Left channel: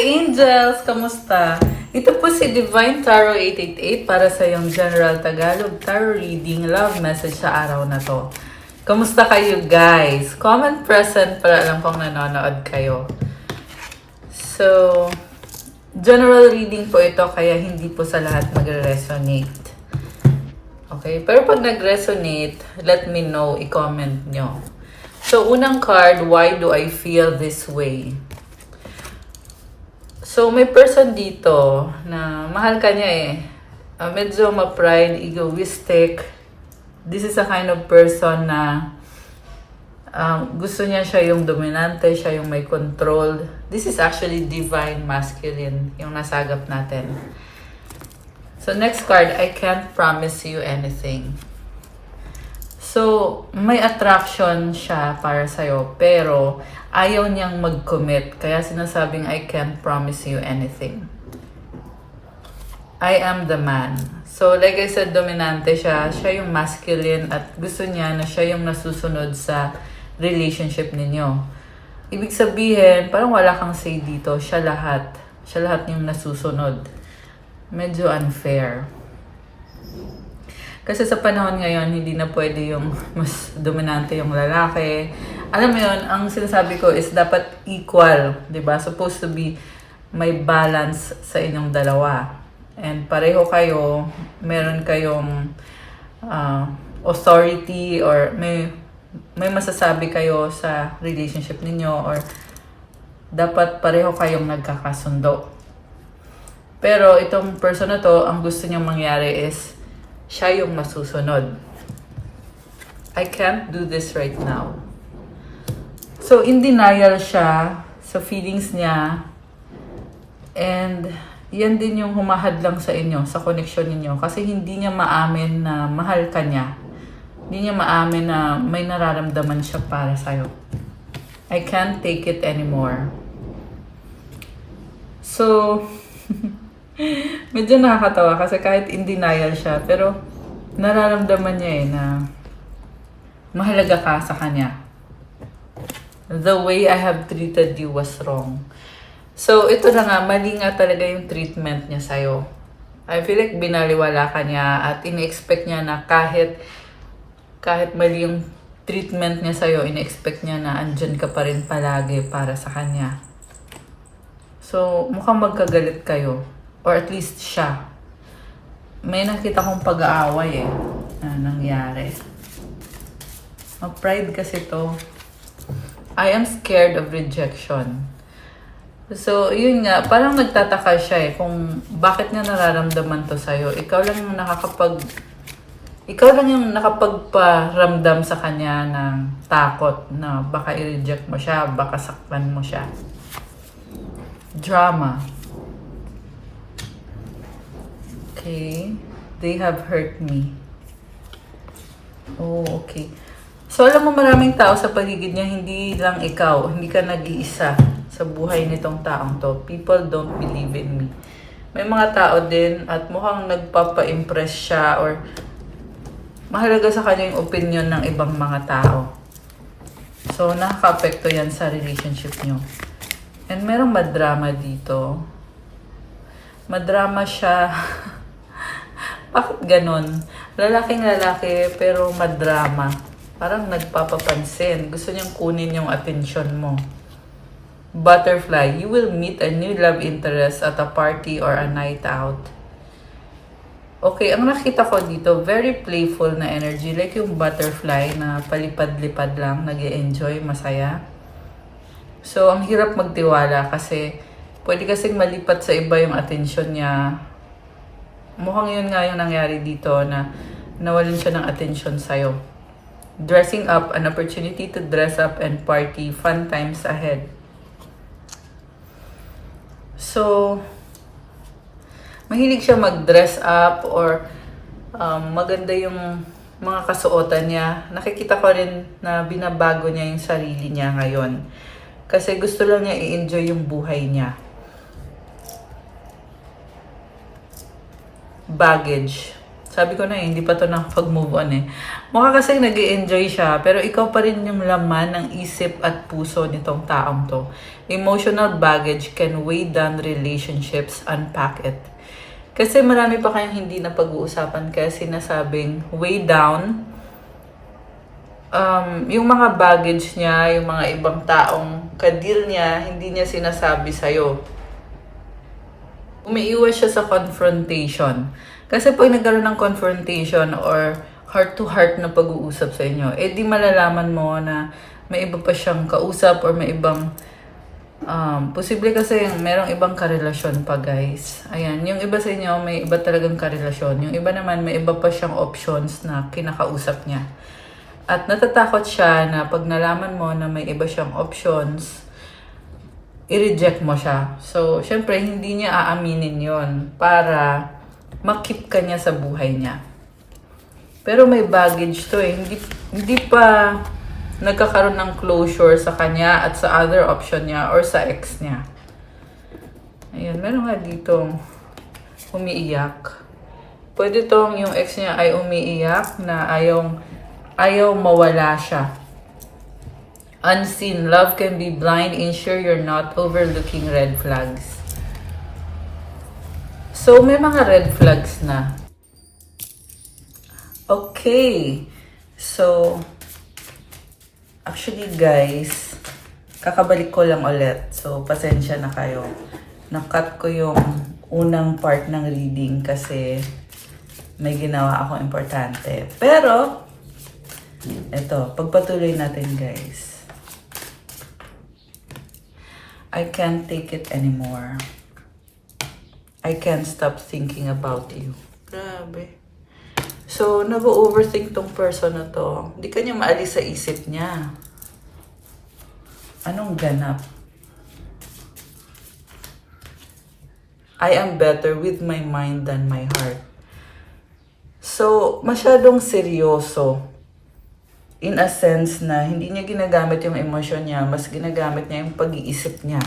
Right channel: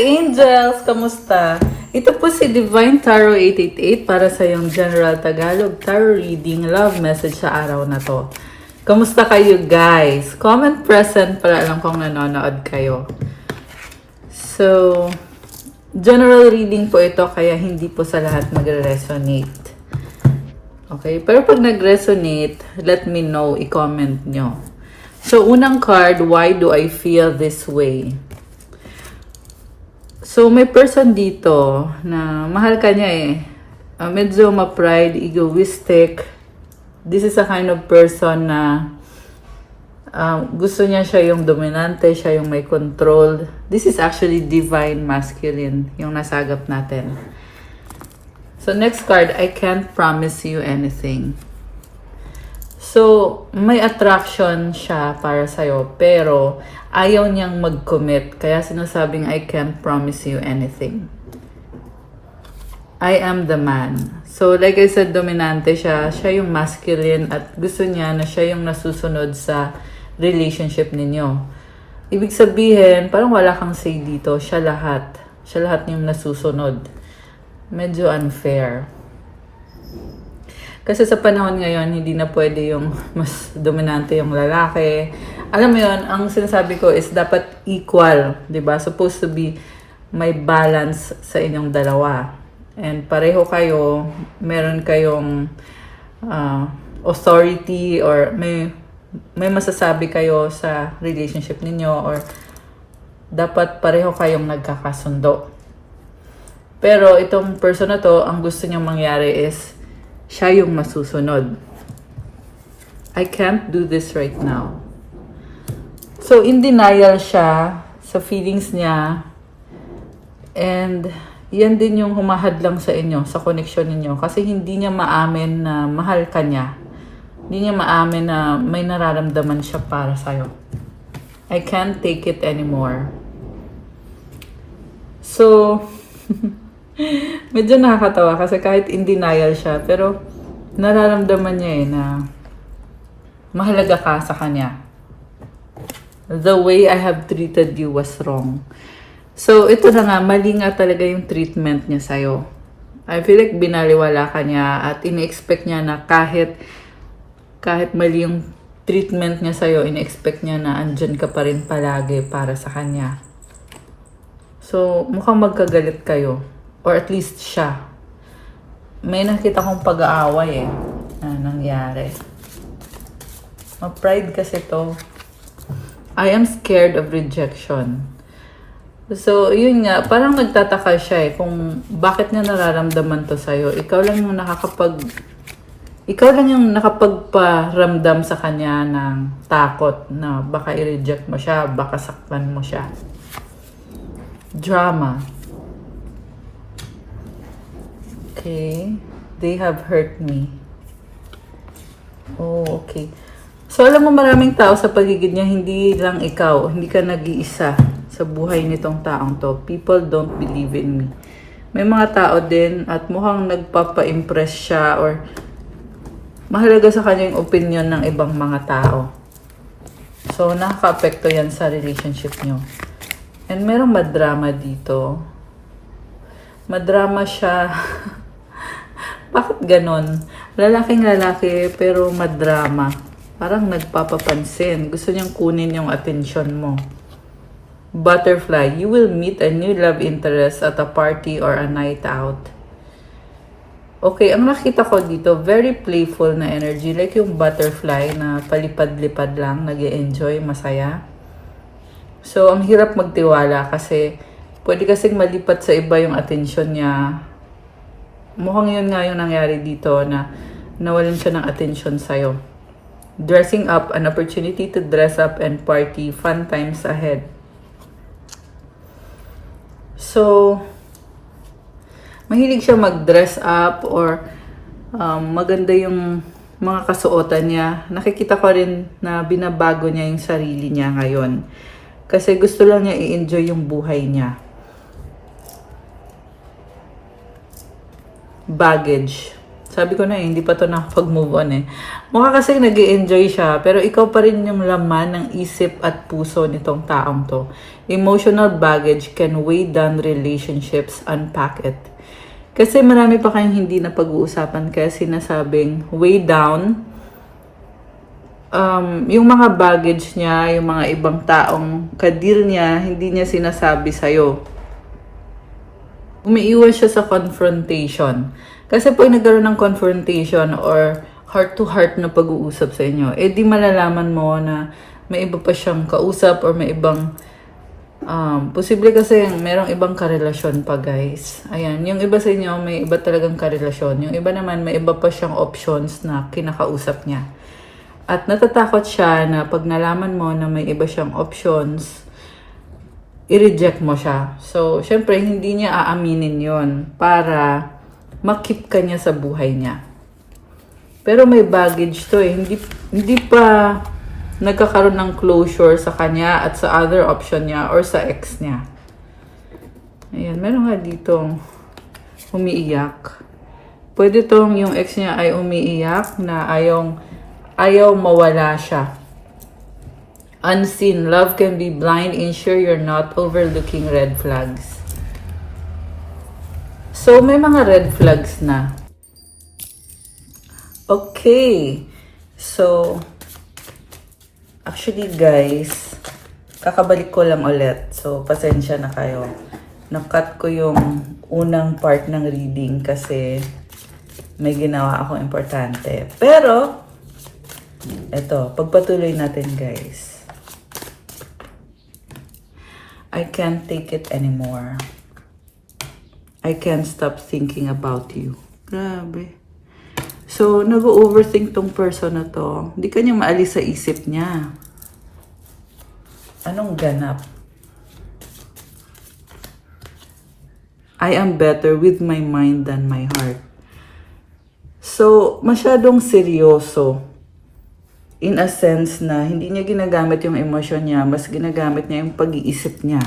Angels! Kamusta? Ito po si Divine Tarot 888 para sa iyong General Tagalog Tarot Reading Love Message sa araw na to. Kamusta kayo guys? Comment present para alam kong nanonood kayo. So, general reading po ito kaya hindi po sa lahat magre-resonate. Okay? Pero pag nag-resonate, let me know, i-comment nyo. So, unang card, why do I feel this way? So, may person dito na mahal ka niya eh. Medyo ma-pride, egoistic. This is a kind of person na gusto niya siya yung dominante, siya yung may control. This is actually divine masculine, yung nasagap natin. So, next card, I can't promise you anything. So, may attraction siya para sa'yo, pero ayaw niyang mag-commit. Kaya sinasabing, I can't promise you anything. I am the man. So, like I said, dominante siya. Siya yung masculine at gusto niya na siya yung nasusunod sa relationship ninyo. Ibig sabihin, parang wala kang say dito. Siya lahat. Siya lahat yung nasusunod. Medyo unfair. Kasi sa panahon ngayon, hindi na pwede yung mas dominante yung lalaki. Alam mo yun, ang sinasabi ko is dapat equal, di ba? Supposed to be may balance sa inyong dalawa. And pareho kayo, meron kayong authority or may masasabi kayo sa relationship ninyo or dapat pareho kayong nagkakasundo. Pero itong person na to, ang gusto niyang mangyari is siya yung masusunod. I can't do this right now. So, in denial siya sa feelings niya. And, yan din yung humahadlang sa inyo, sa connection ninyo. Kasi hindi niya maamin na mahal ka niya. Hindi niya maamin na may nararamdaman siya para sa'yo. I can't take it anymore. So, medyo nakakatawa kasi kahit in denial siya, pero nararamdaman niya eh na mahalaga ka sa kanya. The way I have treated you was wrong. So, ito na nga, mali nga talaga yung treatment niya sa'yo. I feel like binaliwala ka niya at ini-expect niya na kahit mali yung treatment niya sa'yo, ini-expect niya na andyan ka pa rin palagi para sa kanya. So, mukhang magkagalit kayo. Or at least siya. May nakita kong pag-aaway eh. Na nangyari. Ma-pride kasi to. I am scared of rejection. So, yun nga. Parang nagtataka siya eh. Kung bakit niya nararamdaman to sa'yo. Ikaw lang yung nakapagparamdam sa kanya ng takot na baka i-reject mo siya, baka sakpan mo siya. Drama. Okay. They have hurt me. Oh, okay. So, alam mo maraming tao sa paligid niya, hindi lang ikaw, hindi ka nag-iisa sa buhay nitong taong to. People don't believe in me. May mga tao din at mukhang nagpapa-impress siya or mahalaga sa kanya yung opinion ng ibang mga tao. So, nakaka-apekto yan sa relationship niyo. And merong madrama dito. Madrama siya. Bakit ganon? Lalaking lalaki pero madrama. Parang nagpapapansin. Gusto niyang kunin yung attention mo. Butterfly, you will meet a new love interest at a party or a night out. Okay, ang nakita ko dito, very playful na energy. Like yung butterfly na palipad-lipad lang, nag-e-enjoy, masaya. So, ang hirap magtiwala kasi pwede kasing malipat sa iba yung attention niya. Mukhang yun nga yung nangyari dito na nawalin siya ng attention sa'yo. Dressing up, an opportunity to dress up and party, fun times ahead. So, mahilig siya mag-dress up or maganda yung mga kasuotan niya. Nakikita ko rin na binabago niya yung sarili niya ngayon. Kasi gusto lang niya i-enjoy yung buhay niya. Baggage. Sabi ko na eh, hindi pa to nakapag-move on eh. Mukha kasi nag-i-enjoy siya, pero ikaw pa rin yung laman ng isip at puso nitong taong to. Emotional baggage can weigh down relationships, unpack it. Kasi marami pa kayong hindi na pag-uusapan kaya sinasabing weigh down. Yung mga baggage niya, yung mga ibang taong kadil niya, hindi niya sinasabi sa'yo. Umiiwas siya sa confrontation. Kasi pag nagkaroon ng confrontation or heart-to-heart na pag-uusap sa inyo, eh di malalaman mo na may iba pa siyang kausap or may ibang posible kasi merong ibang karelasyon pa guys. Ayan, yung iba sa inyo may iba talagang karelasyon. Yung iba naman may iba pa siyang options na kinakausap niya. At natatakot siya na pag nalaman mo na may iba siyang options, i-reject mo siya. So, syempre, hindi niya aaminin yon para makip ka niya sa buhay niya. Pero may baggage to eh. Hindi pa nagkakaroon ng closure sa kanya at sa other option niya or sa ex niya. Ayan, meron nga dito umiiyak. Pwede tong yung ex niya ay umiiyak na ayaw mawala siya. Unseen, love can be blind. Ensure you're not overlooking red flags. So, may mga red flags na. Okay. So, actually guys, kakabalik ko lang ulit. So, pasensya na kayo. Nakat ko yung unang part ng reading kasi may ginawa akong importante. Pero, eto, pagpatuloy natin guys. I can't take it anymore. I can't stop thinking about you. Grabe. So, nag-overthink tong person na to. Hindi kanya maalis sa isip niya. Anong ganap? I am better with my mind than my heart. So, masyadong seryoso. In a sense na hindi niya ginagamit yung emosyon niya, mas ginagamit niya yung pag-iisip niya.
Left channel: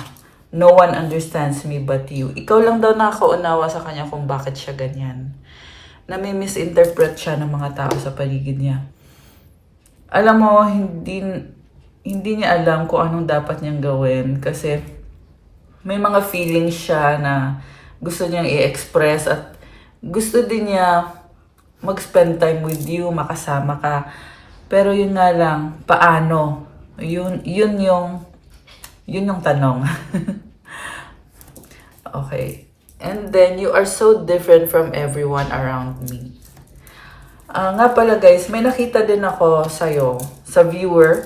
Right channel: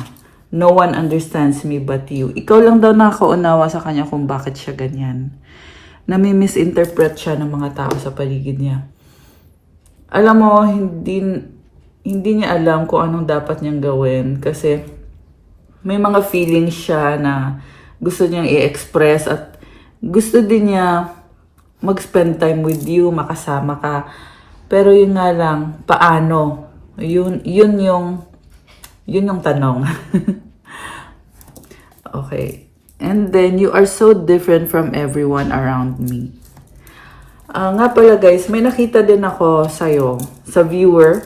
No one understands me but you. Ikaw lang daw nakaunawa sa kanya kung bakit siya ganyan. Nami-misinterpret siya ng mga tao sa paligid niya. Alam mo, hindi niya alam kung anong dapat niyang gawin kasi may mga feelings siya na gusto niyang i-express at gusto din niya mag-spend time with you, makasama ka. Pero yun nga lang, paano? Yun yung tanong. Okay. And then, you are so different from everyone around me. Nga pala guys, may nakita din ako sa'yo, sa viewer,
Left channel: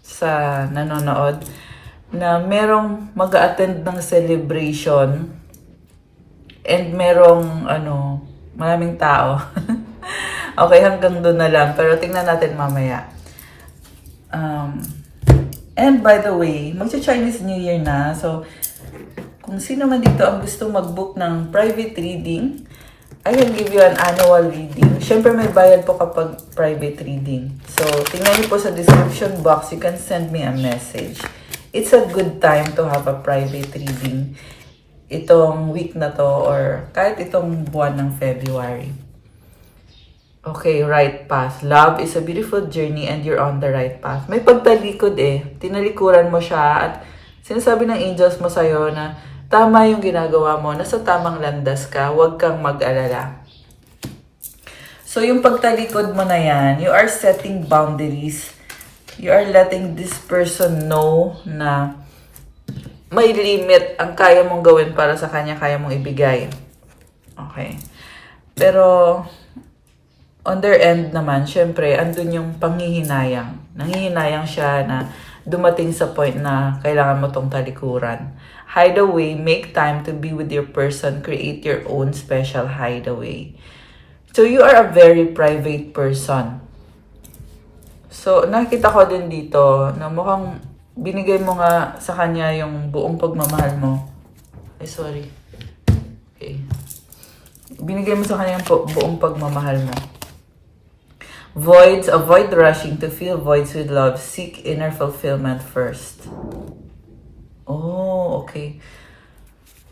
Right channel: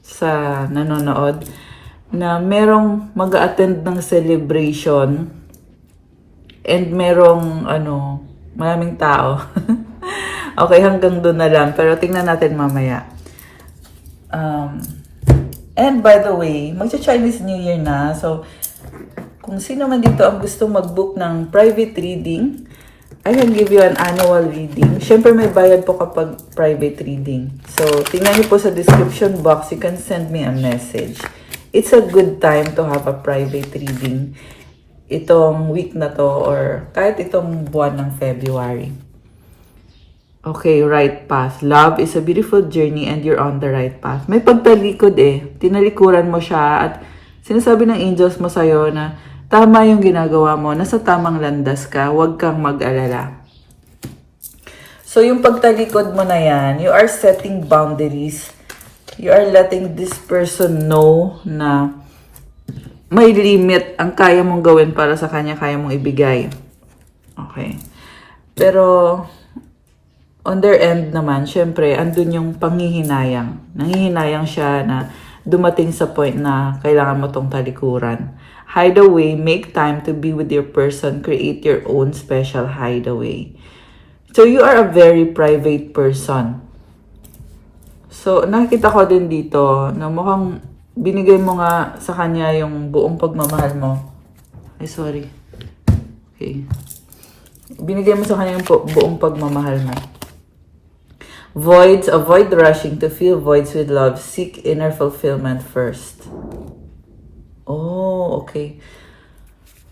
sa nanonood, na merong mag-attend ng celebration and merong, maraming tao. Okay, hanggang doon na lang. Pero tingnan natin mamaya. And by the way, magsa-Chinese New Year na. So, kung sino man dito ang gusto mag-book ng private reading, I can give you an annual reading. Siyempre may bayad po kapag private reading. So, tingnan niyo po sa description box. You can send me a message. It's a good time to have a private reading itong week na to or kahit itong buwan ng February. Okay, right path. Love is a beautiful journey and you're on the right path. May pagtalikod eh. Tinalikuran mo siya at sinasabi ng angels mo sa'yo na tama yung ginagawa mo. Nasa tamang landas ka. Huwag kang mag-alala. So, yung pagtalikod mo na yan, you are setting boundaries. You are letting this person know na may limit ang kaya mong gawin para sa kanya, kaya mong ibigay. Okay. Pero, on their end naman, syempre, andun yung panghihinayang. Nanghihinayang siya na dumating sa point na kailangan mo tong talikuran. Hideaway, make time to be with your person. Create your own special hideaway. So, you are a very private person. So, nakikita ko din dito na mukhang binigay mo nga sa kanya yung buong pagmamahal mo. Ay, sorry. Okay. Binigay mo sa kanya yung buong pagmamahal mo. Voids, avoid rushing to fill voids with love. Seek inner fulfillment first. Oh, okay.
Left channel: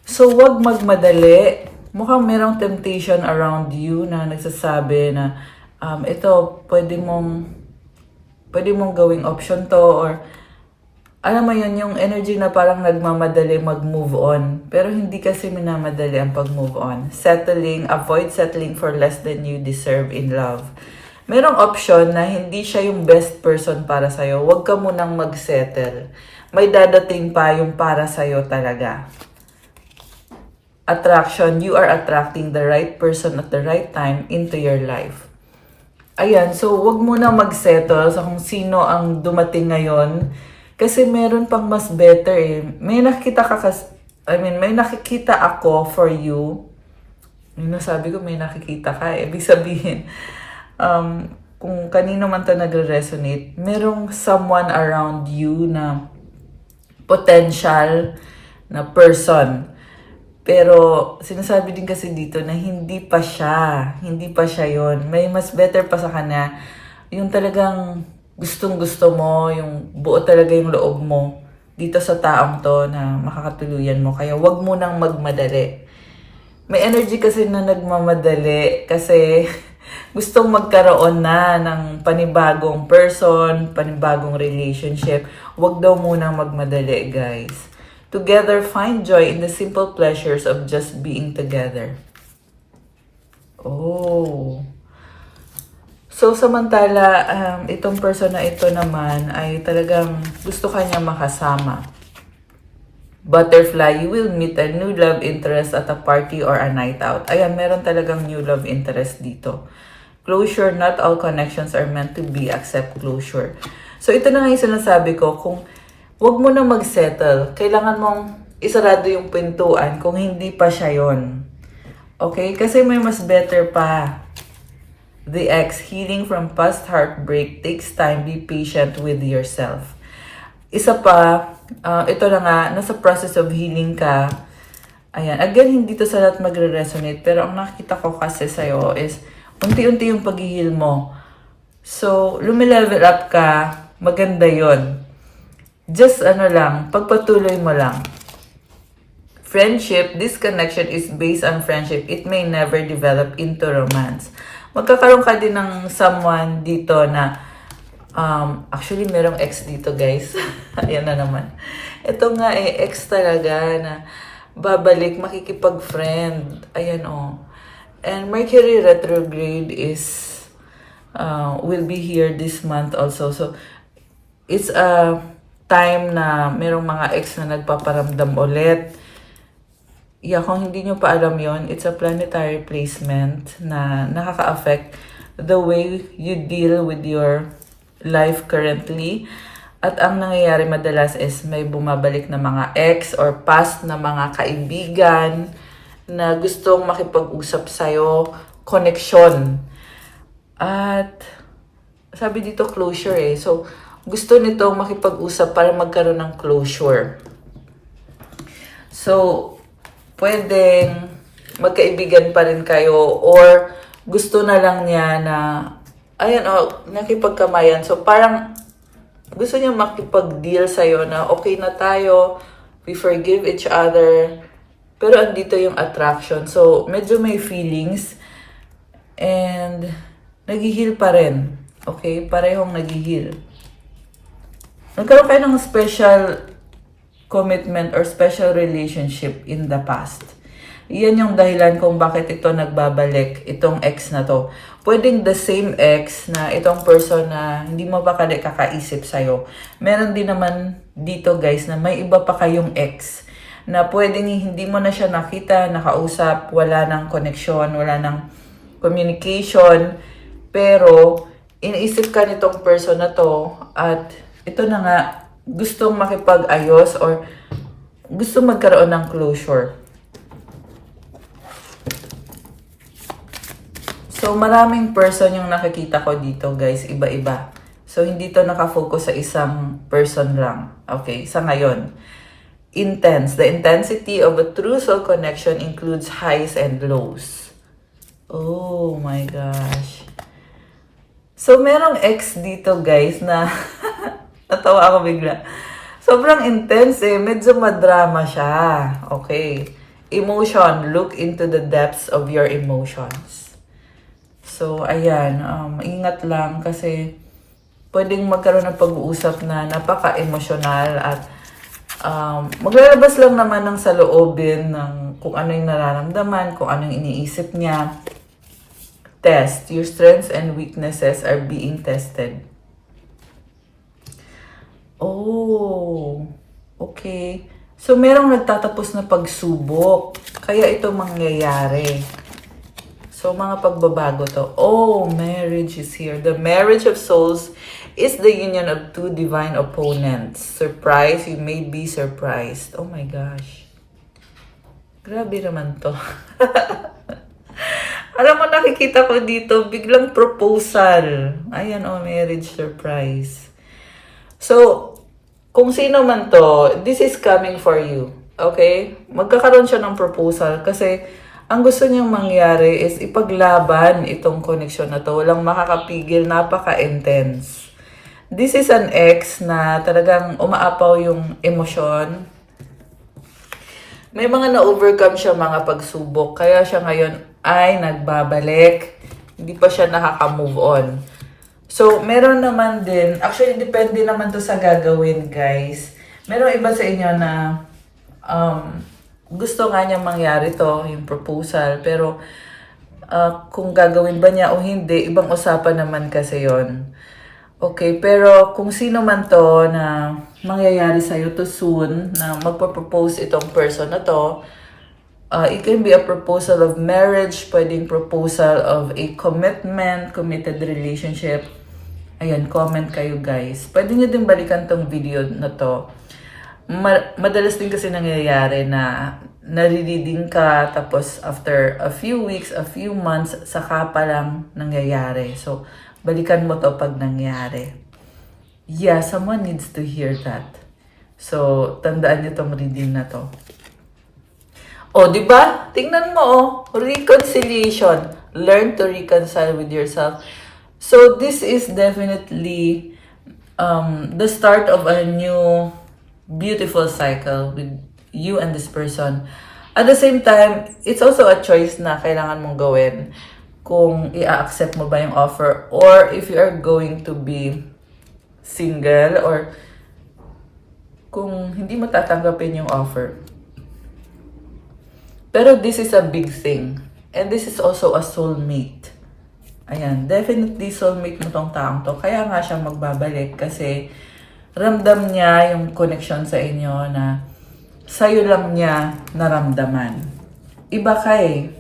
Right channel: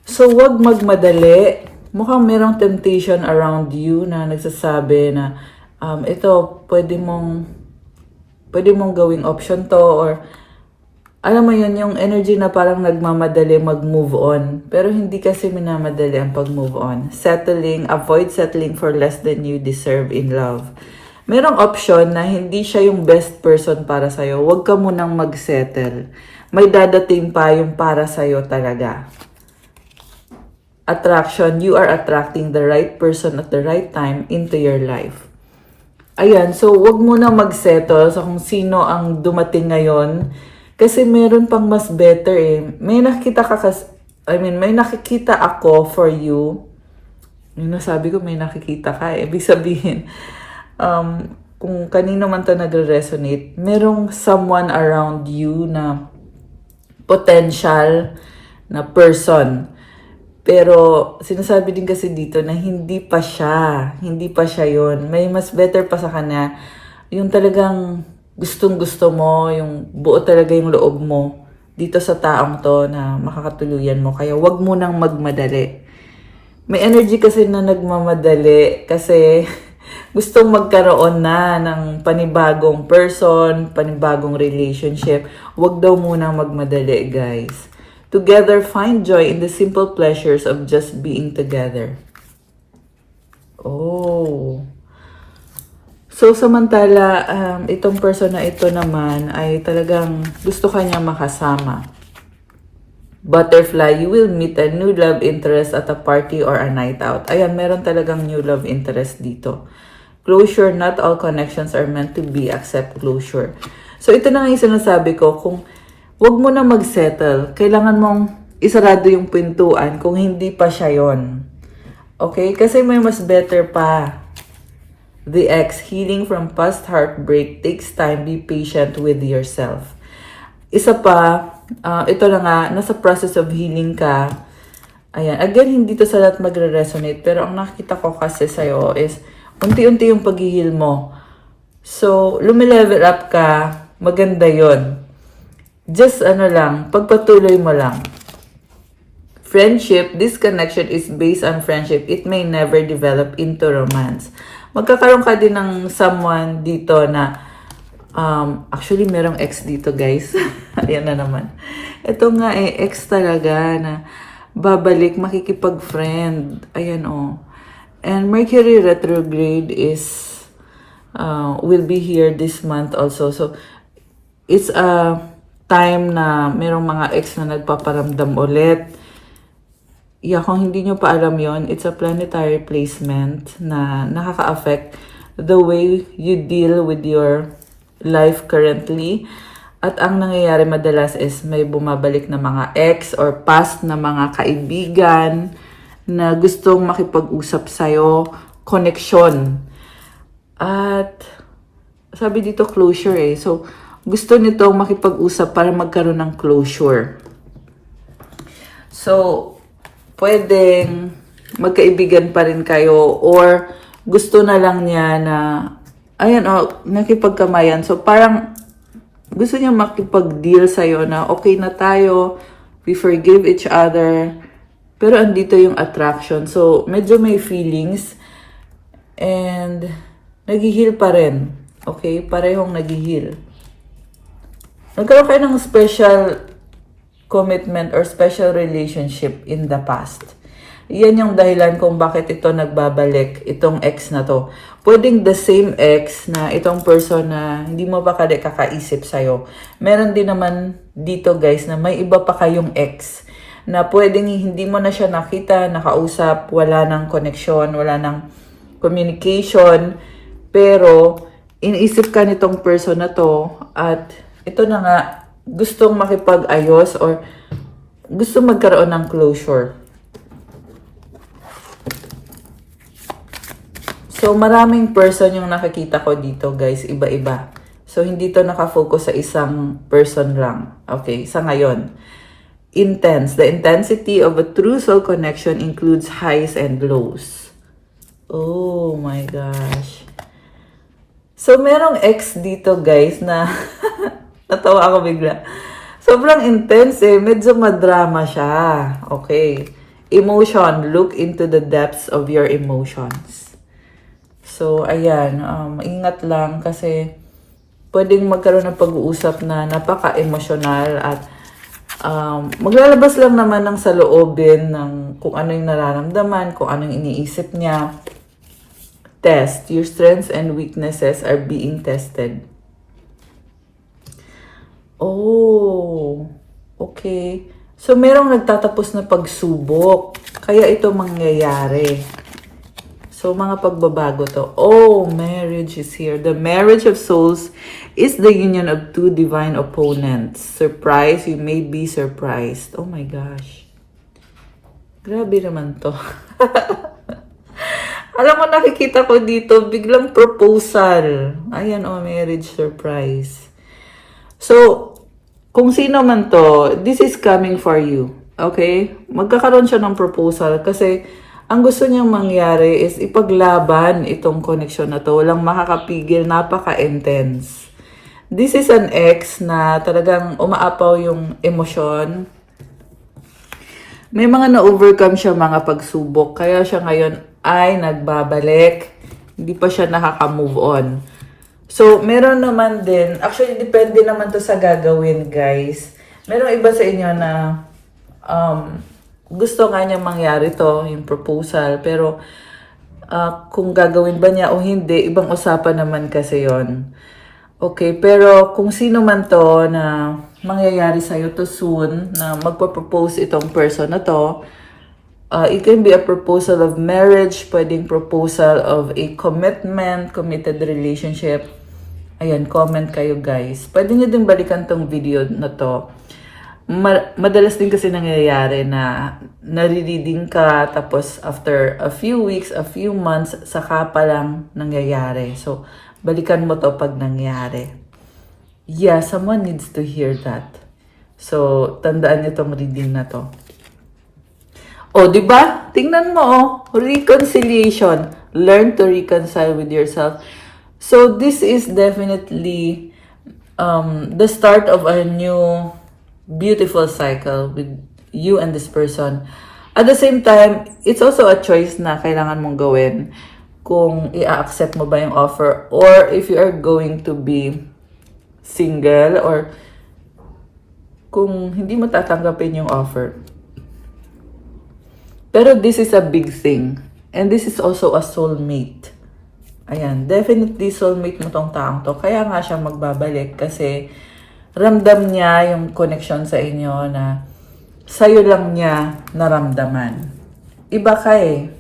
So, wag magmadali mukhang merong temptation around you na nagsasabi na ito, pwede mong gawing option to, or alam mo yun, yung energy na parang nagmamadali mag-move on. Pero hindi kasi minamadali ang pag-move on. Avoid settling for less than you deserve in love. Merong option na hindi siya yung best person para sa'yo. Huwag ka munang mag-settle. May dadating pa yung para sa'yo talaga. Attraction, you are attracting the right person at the right time into your life. Ayan, so wag mo na mag-settle sa kung sino ang dumating ngayon. Kasi meron pang mas better eh. May nakikita ako for you. Yung nasabi ko, may nakikita ka eh. Ibig sabihin, kung kanino man to nagre-resonate, merong someone around you na potential na person. Pero sinasabi din kasi dito na hindi pa siya yon. May mas better pa sa kanya. Yung talagang gustong-gusto mo, yung buo talaga yung loob mo dito sa taong to na makakatuluyan mo. Kaya wag mo nang magmadali. May energy kasi na nagmamadali kasi gustong magkaroon na ng panibagong person, panibagong relationship. Wag daw muna magmadali, guys. Together, find joy in the simple pleasures of just being together. Oh. So, samantala, itong person na ito naman ay talagang gusto kanya makasama. Butterfly, you will meet a new love interest at a party or a night out. Ayan, meron talagang new love interest dito. Closure, not all connections are meant to be except closure. So, ito na nga yung sinasabi ko, kung wag mo na mag-settle, kailangan mong isarado yung pintuan kung hindi pa siya yon. Okay? Kasi may mas better pa. The ex, healing from past heartbreak takes time. Be patient with yourself. Isa pa, ito na nga, nasa process of healing ka. Ayan. Again, hindi to sa lahat magre-resonate. Pero ang nakikita ko kasi sa'yo is, unti-unti yung pag-heal mo. So, lumilevel up ka, maganda yon. Just pagpatuloy mo lang. Friendship, this connection is based on friendship. It may never develop into romance. Magkakaroon ka din ng someone dito na, actually merong ex dito, guys. Ayan na naman. Ito nga ex talaga na babalik, makikipag-friend. Ayan And Mercury retrograde will be here this month also. So, it's a time na merong mga ex na nagpaparamdam ulit. Yeah, kung hindi nyo pa alam yon, it's a planetary placement na nakaka-affect the way you deal with your life currently. At ang nangyayari madalas is may bumabalik na mga ex or past na mga kaibigan na gustong makipag-usap sa'yo, connection. At sabi dito closure So, gusto nito makipag-usap para magkaroon ng closure. So, pwedeng magkaibigan pa rin kayo or gusto na lang niya na, nakipagkamayan. So, parang gusto niya makipag-deal sa'yo na okay na tayo, we forgive each other, pero andito yung attraction. So, medyo may feelings and nag-heal pa rin. Okay? Parehong nag-heal. Nagkaroon kayo ng special commitment or special relationship in the past. Yan yung dahilan kung bakit ito nagbabalik, itong ex na to. Pwedeng the same ex na itong person na hindi mo pa kakaisip sa'yo. Meron din naman dito, guys, na may iba pa kayong ex na pwedeng hindi mo na siya nakita, nakausap, wala ng connection, wala ng communication, pero iniisip ka nitong person na to at ito na nga, gustong makipag-ayos or gusto magkaroon ng closure. So, maraming person yung nakikita ko dito, guys. Iba-iba. So, hindi to nakafocus sa isang person lang. Okay, sa ngayon. Intense. The intensity of a true soul connection includes highs and lows. Oh my gosh. So, merong ex dito, guys, na natawa ako bigla. Sobrang intense Medyo madrama siya. Okay. Emotion, look into the depths of your emotions. So, ayan, ingat lang kasi pwedeng magkaroon ng pag-uusap na napaka-emosyonal at maglalabas lang naman ng saloobin ng kung ano yung nararamdaman, kung anong iniisip niya. Test. Your strengths and weaknesses are being tested. Oh, okay. So, merong nagtatapos na pagsubok. Kaya ito mangyayari. So, mga pagbabago to. Oh, marriage is here. The marriage of souls is the union of two divine opponents. Surprise, you may be surprised. Oh my gosh. Grabe naman to. Alam mo, nakikita ko dito, biglang proposal. Ayan, oh, marriage surprise. So, kung sino man to, this is coming for you. Okay? Magkakaroon siya ng proposal kasi ang gusto niyang mangyari is ipaglaban itong connection na to. Walang makakapigil, napaka-intense. This is an ex na talagang umaapaw yung emosyon. May mga na-overcome siya mga pagsubok. Kaya siya ngayon ay nagbabalik. Hindi pa siya nakaka-move on. So, meron naman din, actually, depende naman to sa gagawin, guys. Meron iba sa inyo na gusto nga niya mangyari to, yung proposal. Pero, kung gagawin ba niya o hindi, ibang usapan naman kasi yon. Okay, pero kung sino man to na mangyayari sa'yo to soon, na magpa-propose itong person na to, it can be a proposal of marriage, pwedeng proposal of a commitment, committed relationship. Ayan, comment kayo guys. Pwede nyo din balikan tong video na to. Madalas din kasi nangyayari na nare-reading ka, tapos after a few weeks, a few months, saka pa lang nangyayari. So, balikan mo to pag nangyari. Yeah, someone needs to hear that. So, tandaan nyo tong reading na to. O, di ba? Tingnan mo, oh. Reconciliation. Learn to reconcile with yourself. So, this is definitely the start of a new beautiful cycle with you and this person. At the same time, it's also a choice na kailangan mong gawin kung i-accept mo ba yung offer or if you are going to be single or kung hindi mo tatanggapin yung offer. Pero this is a big thing. And this is also a soulmate. Ayan, definitely soulmate mo tong taong to. Kaya nga siya magbabalik kasi ramdam niya yung connection sa inyo na sa'yo lang niya naramdaman. Iba ka eh.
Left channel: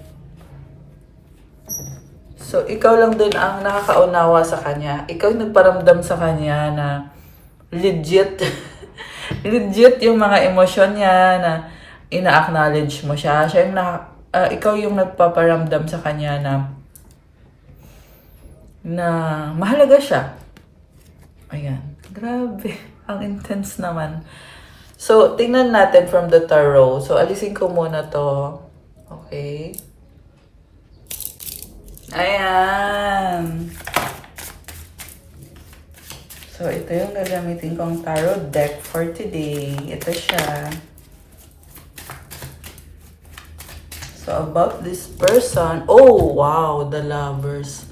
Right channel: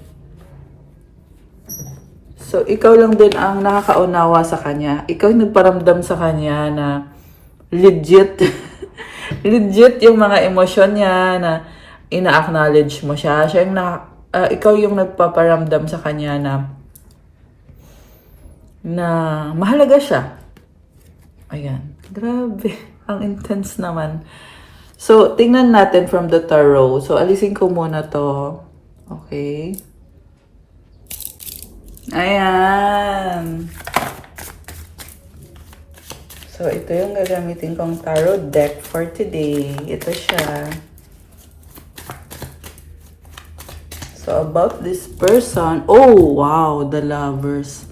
So, ikaw lang din ang nakakaunawa sa kanya. Ikaw nagparamdam sa kanya na legit. Legit yung mga emosyon niya na ina-acknowledge mo siya. Siya yung ikaw yung nagpaparamdam sa kanya na mahalaga siya. Ayan. Grabe. Ang intense naman. So, tingnan natin from the tarot. So, alisin ko muna to. Okay. Ayan. So, ito yung gagamitin kong tarot deck for today. Ito siya. So, about this person. Oh, wow. The Lovers.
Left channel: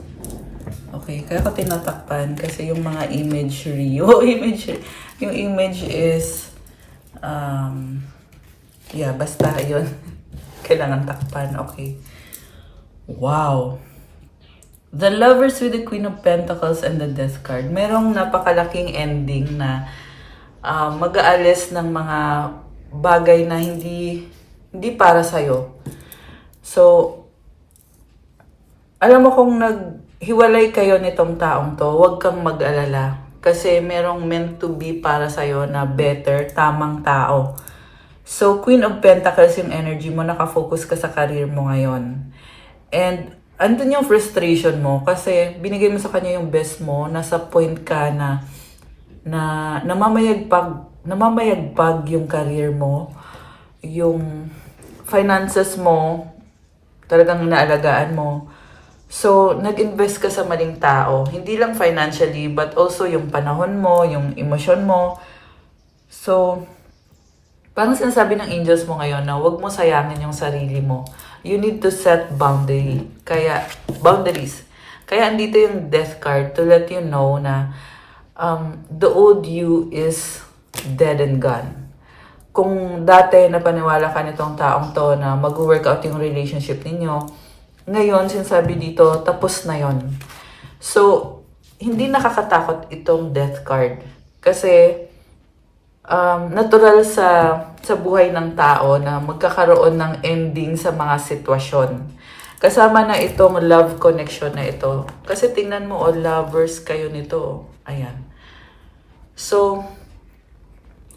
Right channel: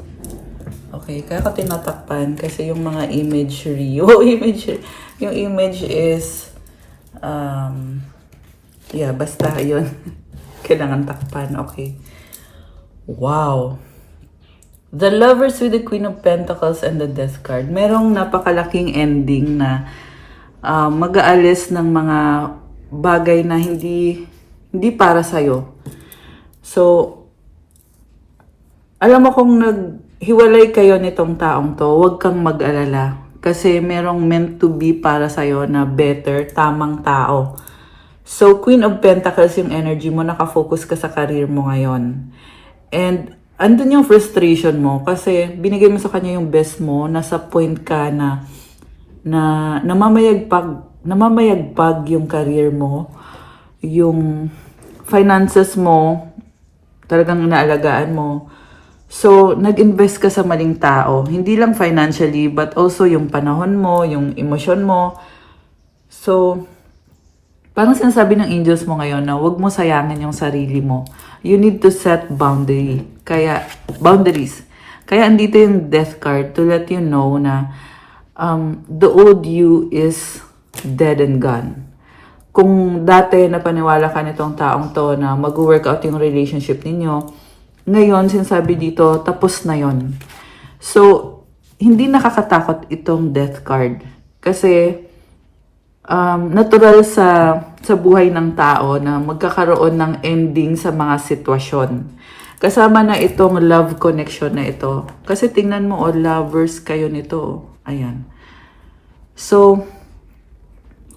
Okay, kaya ko tinatakpan kasi yung mga imagery. Yung image is, yeah, basta yun. Kailangan takpan. Okay. Wow. The Lovers with the Queen of Pentacles and the Death card. Merong napakalaking ending na mag-aalis ng mga bagay na hindi para sa'yo. So, alam mo kung naghiwalay kayo nitong taong to, huwag kang mag-alala. Kasi merong meant to be para sa'yo na better, tamang tao. So, Queen of Pentacles yung energy mo, nakafocus ka sa career mo ngayon. And, andun yung frustration mo kasi binigay mo sa kanya yung best mo, nasa point ka na namamayagpag yung career mo, yung finances mo, talagang inaalagaan mo. So, nag-invest ka sa maling tao. Hindi lang financially, but also yung panahon mo, yung emosyon mo. So, Parang sinasabi ng angels mo ngayon na huwag mo sayangin yung sarili mo. You need to set boundaries. Kaya andito yung death card to let you know na the old you is dead and gone. Kung dati napaniwala ka nitong taong to na mag-work out yung relationship ninyo, ngayon sinasabi dito, tapos na yon. So, hindi nakakatakot itong death card. Kasi, natural sa buhay ng tao na magkakaroon ng ending sa mga sitwasyon. Kasama na itong love connection na ito. Kasi tingnan mo, lovers kayo nito. Ayan. So,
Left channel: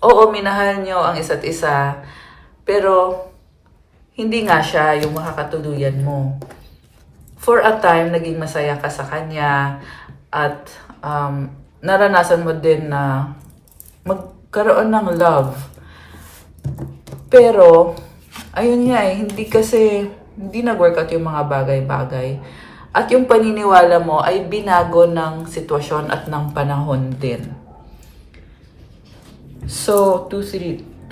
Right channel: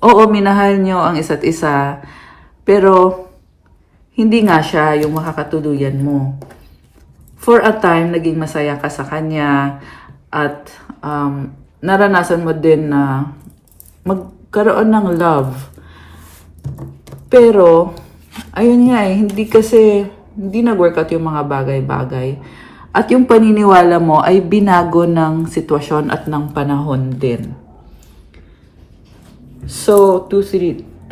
oo, minahal nyo ang isa't isa. Pero, hindi nga siya yung makakatuluyan mo. For a time, naging masaya ka sa kanya. At naranasan mo din na magkaroon ng love. Pero, ayun nga hindi nag-workout yung mga bagay-bagay. At yung paniniwala mo ay binago ng sitwasyon at ng panahon din. So, 232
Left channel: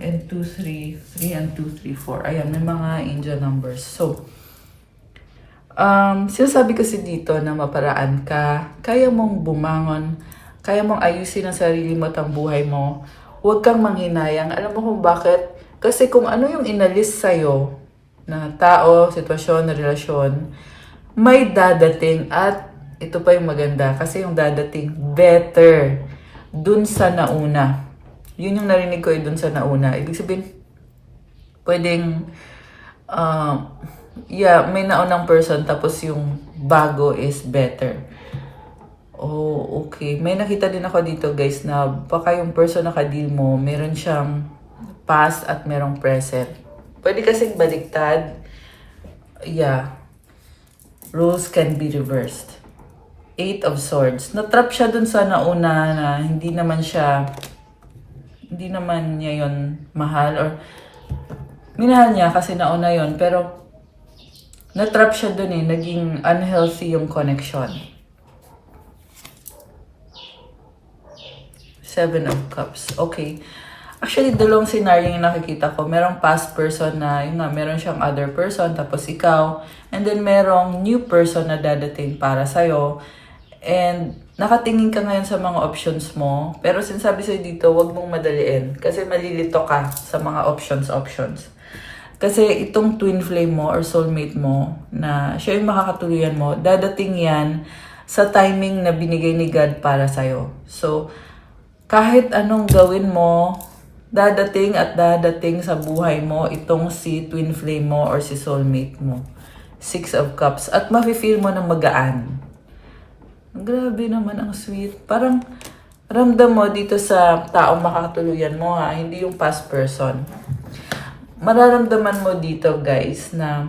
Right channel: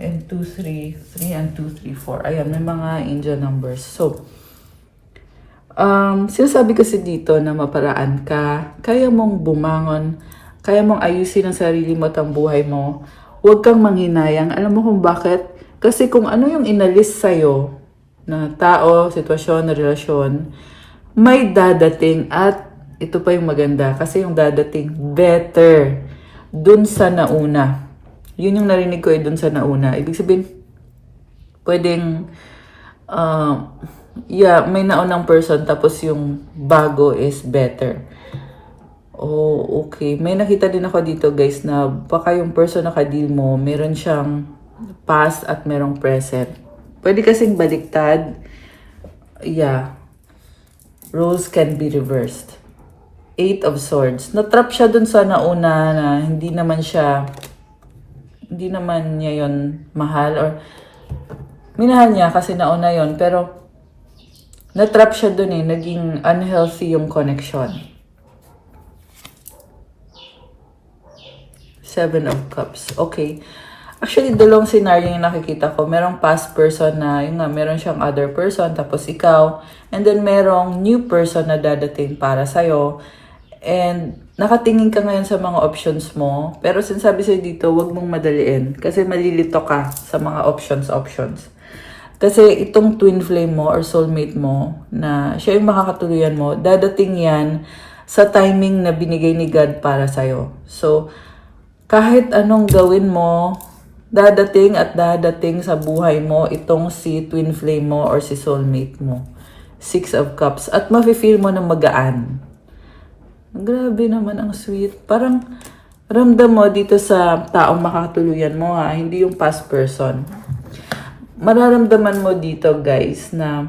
and 233 and 234. Ayan, may mga angel numbers. So, sinasabi kasi dito na maparaan ka, kaya mong bumangon, kaya mong ayusin ang sarili mo at ang buhay mo. Huwag kang manghinayang. Alam mo kung bakit? Kasi kung ano yung inalis sa'yo na tao, sitwasyon, relasyon, may dadating at ito pa yung maganda kasi yung dadating better dun sa nauna. Yun yung narinig ko dun sa nauna. Ibig sabihin, pwedeng may naunang person tapos yung bago is better. Oh, okay. May nakita din ako dito guys na baka yung person na ka-deal mo, meron siyang past at merong present. Pwede kasing baliktad. Yeah. Roles can be reversed. 8 of Swords. Natrap siya dun sa nauna na hindi naman niya yon mahal or minahal niya kasi nauna yon pero natrap siya dun naging unhealthy yung connection. 7 of Cups. Okay. Actually, dalawang scenario yung nakikita ko. Merong past person na, meron siyang other person, tapos ikaw. And then, merong new person na dadating para sa'yo. And, nakatingin ka ngayon sa mga options mo. Pero sinasabi sa'yo dito, huwag mong madaliin. Kasi malilito ka sa mga options. Kasi itong twin flame mo or soulmate mo, na siya yung makakatuluyan mo, dadating yan sa timing na binigay ni God para sa'yo. So, kahit anong gawin mo, dadating sa buhay mo itong si twin flame mo or si soulmate mo. 6 of Cups. At mafe-feel mo na magaan. Grabe naman, ang sweet. Parang ramdam mo dito sa taong makakatuluyan mo hindi yung past person. Mararamdaman mo dito guys na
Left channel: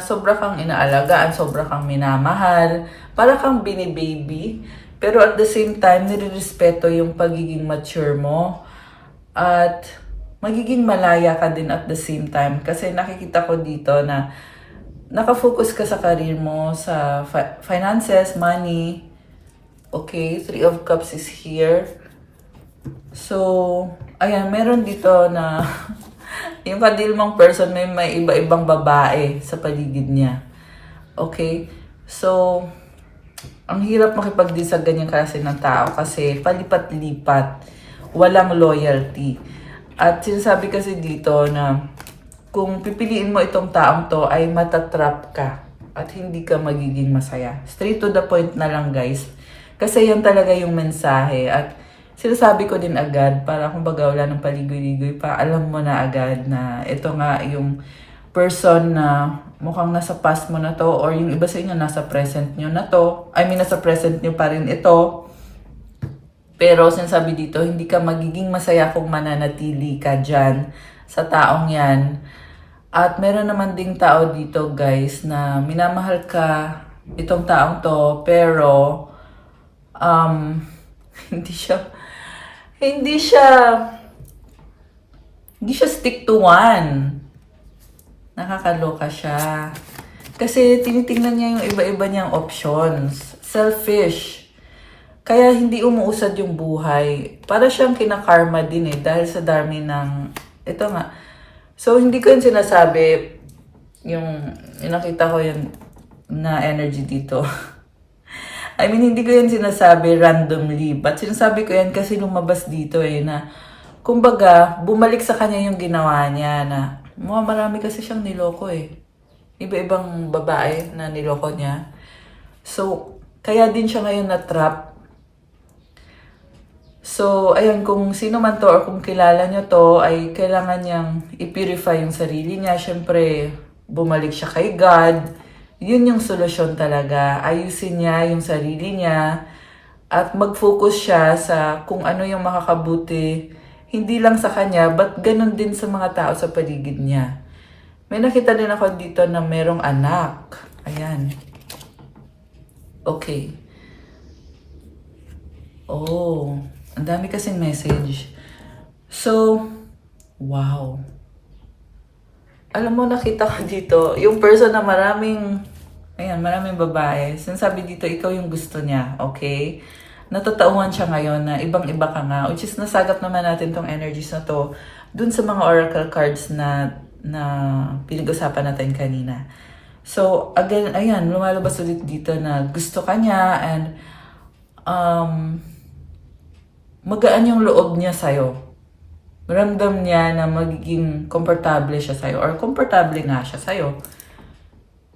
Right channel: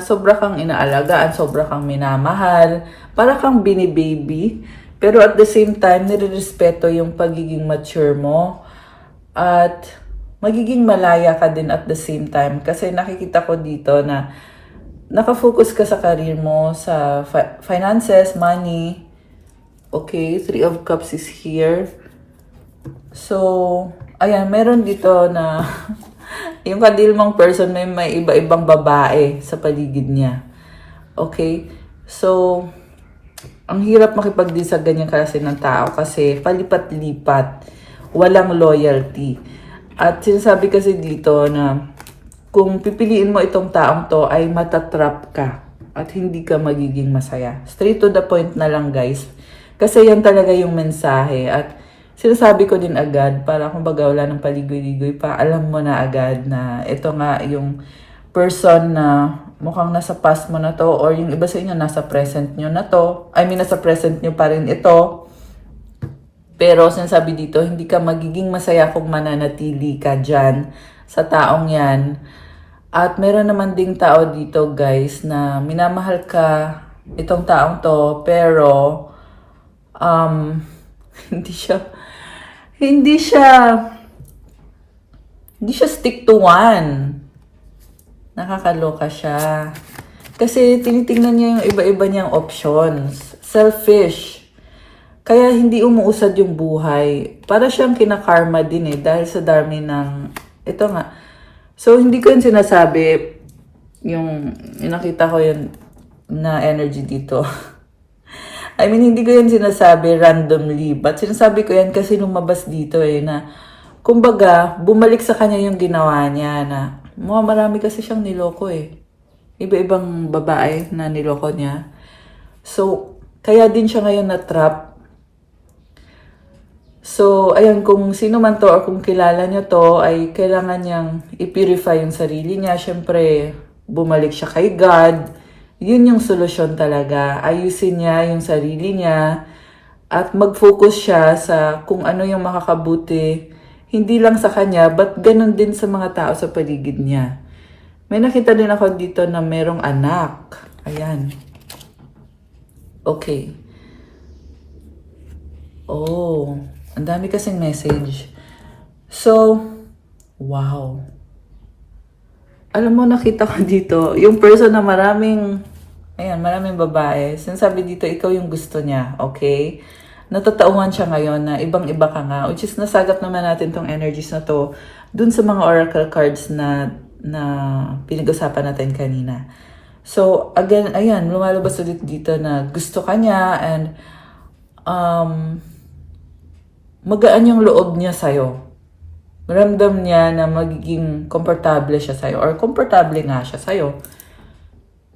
sobra kang inaalagaan, sobra kang minamahal, para kang binibaby. Pero at the same time, nire-respeto yung pagiging mature mo. At magiging malaya ka din at the same time. Kasi nakikita ko dito na nakafocus ka sa career mo, sa finances, money. Okay, 3 of Cups is here. So, ayan, meron dito na yung kadil mong person may iba-ibang babae sa paligid niya. Okay? So, ang hirap makipag-deal sa ganyang klase ng tao kasi palipat-lipat, walang loyalty. At sinasabi kasi dito na kung pipiliin mo itong taong to ay matatrap ka at hindi ka magiging masaya. Straight to the point na lang guys. Kasi yan talaga yung mensahe. At sinasabi ko din agad para kumbaga wala ng paligoy-ligoy pa, alam mo na agad na ito nga yung person na mukhang nasa past mo na to or yung iba sa inyo nasa present nyo na to. I mean, nasa present nyo pa rin ito. Pero sinasabi dito, hindi ka magiging masaya kung mananatili ka dyan sa taong yan. At meron naman ding tao dito guys na minamahal ka itong taong to pero hindi siya stick to one. Nakakaloka siya. Kasi tinitingnan niya yung iba-iba niyang options. Selfish. Kaya hindi umuusad yung buhay. Para siyang kinakarma din dahil sa dami ng, ito nga. So, hindi ko yun sinasabi, yung nakita ko yun na energy dito. I mean, hindi ko yun sinasabi randomly, but sinasabi ko yan kasi lumabas dito na, kumbaga, bumalik sa kanya yung ginawa niya na, marami kasi siyang niloko Iba-ibang babae na niloko niya. So, kaya din siya ngayon na-trap. So, ayun, kung sino man to or kung kilala niya to, ay kailangan niyang i-purify yung sarili niya. Siyempre, bumalik siya kay God. Yun yung solusyon talaga. Ayusin niya yung sarili niya at mag-focus siya sa kung ano yung makakabuti. Hindi lang sa kanya, but ganun din sa mga tao sa paligid niya. May nakita din ako dito na merong anak. Ayan. Okay. Oh, ang dami kasing message. So, wow. Alam mo, nakita ko dito, yung person na maraming babae. Sinasabi dito, ikaw yung gusto niya, okay? Natataungan siya ngayon na ibang-iba ka nga, which is nasagap naman natin tong energies na to dun sa mga oracle cards na pinag-usapan natin kanina. So, again, ayan, lumalabas ulit dito na gusto ka niya and magaan yung loob niya sa'yo. Ramdam niya na magiging komportable siya sa'yo or komportable nga siya sa'yo.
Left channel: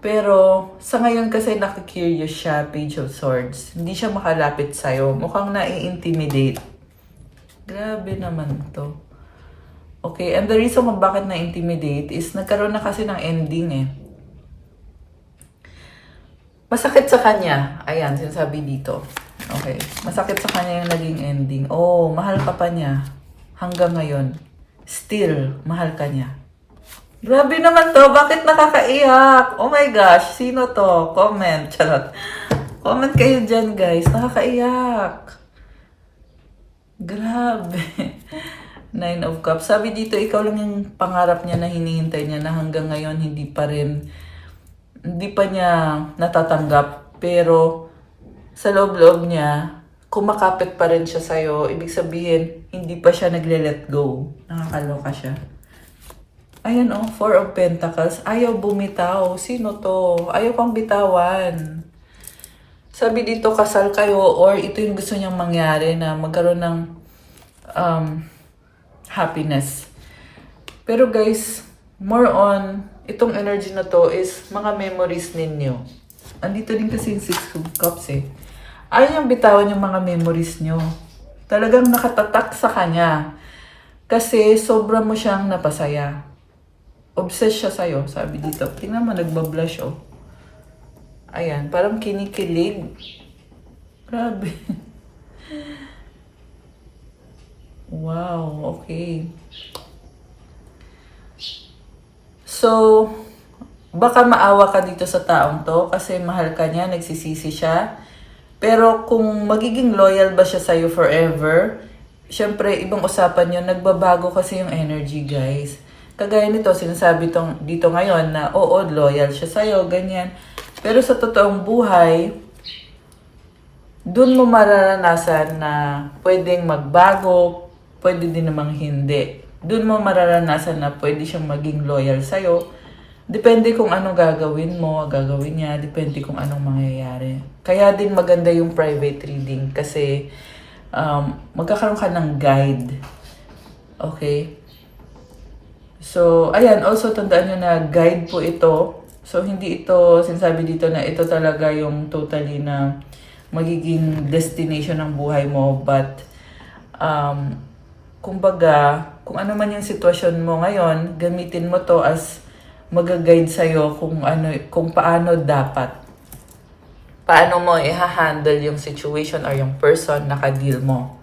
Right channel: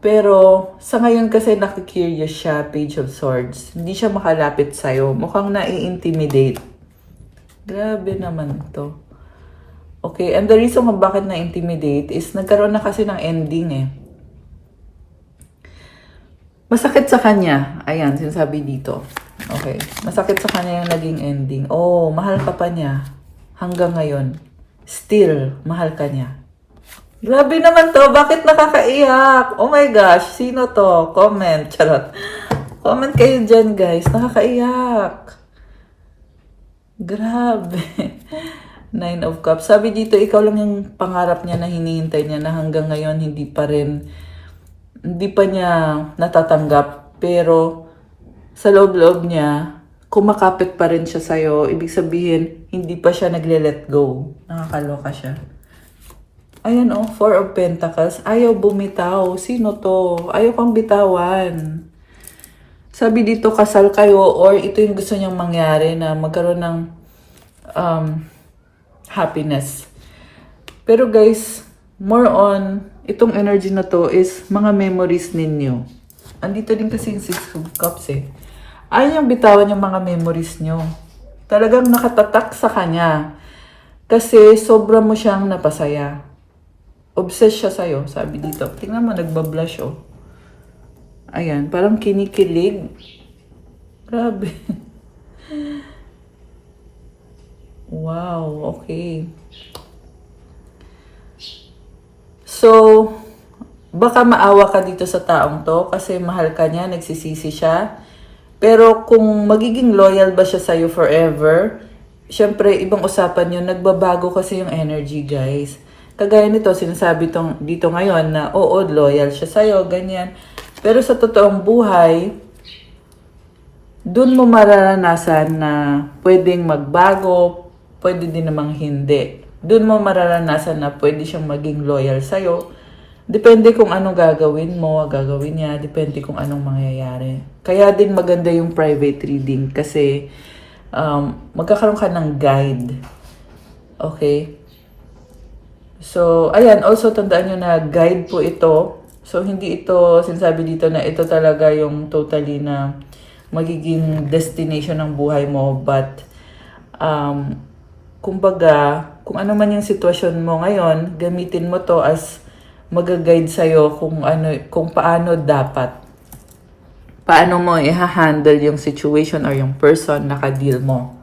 Pero sa ngayon kasi nakikurious siya, Page of Swords. Hindi siya makalapit sa'yo. Mukhang nai-intimidate. Grabe naman to. Okay, and the reason kung bakit na-intimidate is nagkaroon na kasi ng ending Masakit sa kanya. Ayan, sinasabi dito. Okay. Masakit sa kanya yung naging ending. Oh, mahal ka pa niya. Hanggang ngayon. Still, mahal ka niya. Grabe naman to. Bakit nakakaiyak? Oh my gosh. Sino to? Comment. Charot. Comment kayo dyan, guys. Nakakaiyak. Grabe. Nine of Cups. Sabi dito, ikaw lang yung pangarap niya na hinihintay niya na hanggang ngayon hindi pa niya natatanggap. Pero sa loob-loob niya, kumakapit pa rin siya sa'yo. Ibig sabihin, hindi pa siya nagle-let go. Nakakaloka siya. Ayan Four of Pentacles. Ayaw bumitaw. Sino to? Ayaw kang bitawan. Sabi dito, kasal kayo or ito yung gusto niyang mangyari na magkaroon ng happiness. Pero guys, more on, itong energy na to is mga memories ninyo. Andito din kasi yung Six of Cups Ayaw niyang bitawan yung mga memories niyo. Talagang nakatatak sa kanya. Kasi sobra mo siyang napasaya. Obsessed siya sa'yo, sabi dito. Tingnan mo, nagbablush Ayan, parang kinikilig. Grabe. Wow, okay. So, baka maawa ka dito sa taong to kasi mahal ka niya, nagsisisi siya. Pero kung magiging loyal ba siya sa'yo forever, syempre, ibang usapan yun. Nagbabago kasi yung energy, guys. Kagaya nito, sinasabi dito ngayon na, oo, loyal siya sa'yo, ganyan. Pero sa totoong buhay, dun mo mararanasan na pwedeng magbago, pwede din namang hindi. Dun mo mararanasan na pwede siyang maging loyal sa'yo. Depende kung anong gagawin mo, gagawin niya, depende kung anong mangyayari. Kaya din maganda yung private reading kasi magkakaroon ka ng guide. Okay? So, ayan, also tandaan nyo na guide po ito. So, hindi ito, sinasabi dito na ito talaga yung totally na magiging destination ng buhay mo. But, kumbaga, kung ano man yung sitwasyon mo ngayon, gamitin mo to as mag-guide sa'yo kung paano paano mo i-handle yung situation or yung person na ka-deal mo.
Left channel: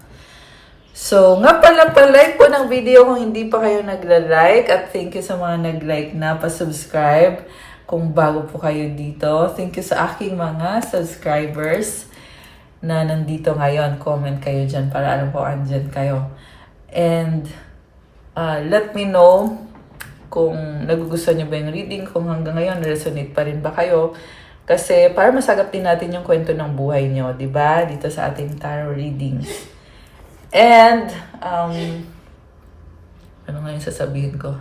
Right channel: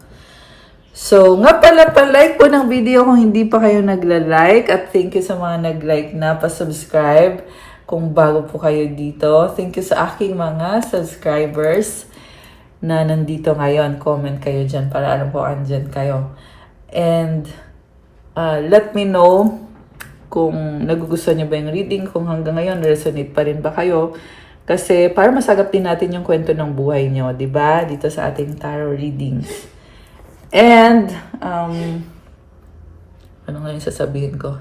So, nga pala, pa-like po ng video kung hindi pa kayo nagla-like at thank you sa mga nag-like na, pa-subscribe kung bago po kayo dito. Thank you sa aking mga subscribers na nandito ngayon. Comment kayo dyan para alam po andyan kayo. And let me know kung nagugustuhan niyo ba yung reading, kung hanggang ngayon resonate pa rin ba kayo. Kasi para masagap din natin yung kwento ng buhay nyo, di ba? Dito sa ating tarot readings. And, ano nga yung sasabihin ko?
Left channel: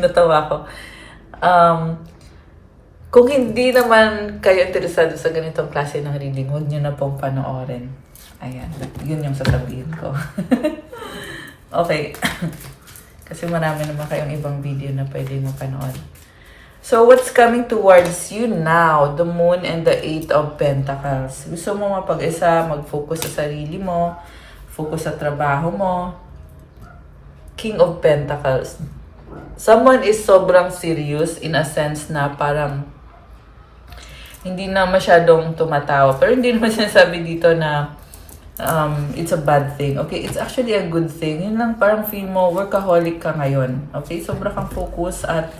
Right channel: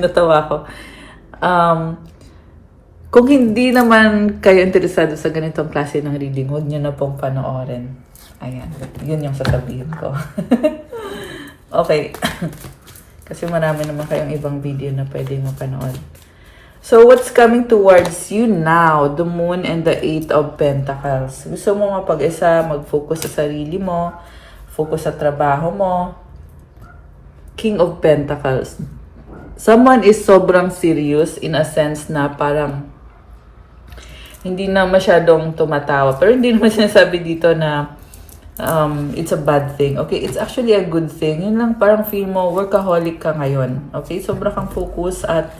Natawa ko. Kung hindi naman kayo interesado sa ganitong klase ng reading, huwag nyo na pong panoorin. Ayan, yun yung sasabihin ko. Okay. Kasi marami naman kayong ibang video na pwede mapanood. So, what's coming towards you now? The Moon and the Eight of Pentacles. Gusto mo mapag-isa, mag-focus sa sarili mo, focus sa trabaho mo. King of Pentacles. Someone is sobrang serious in a sense na parang hindi na masyadong tumatawa. Pero hindi naman sinasabi dito na it's a bad thing. Okay, it's actually a good thing. Yun lang, parang feel mo, workaholic ka ngayon. Okay, sobra kang focus at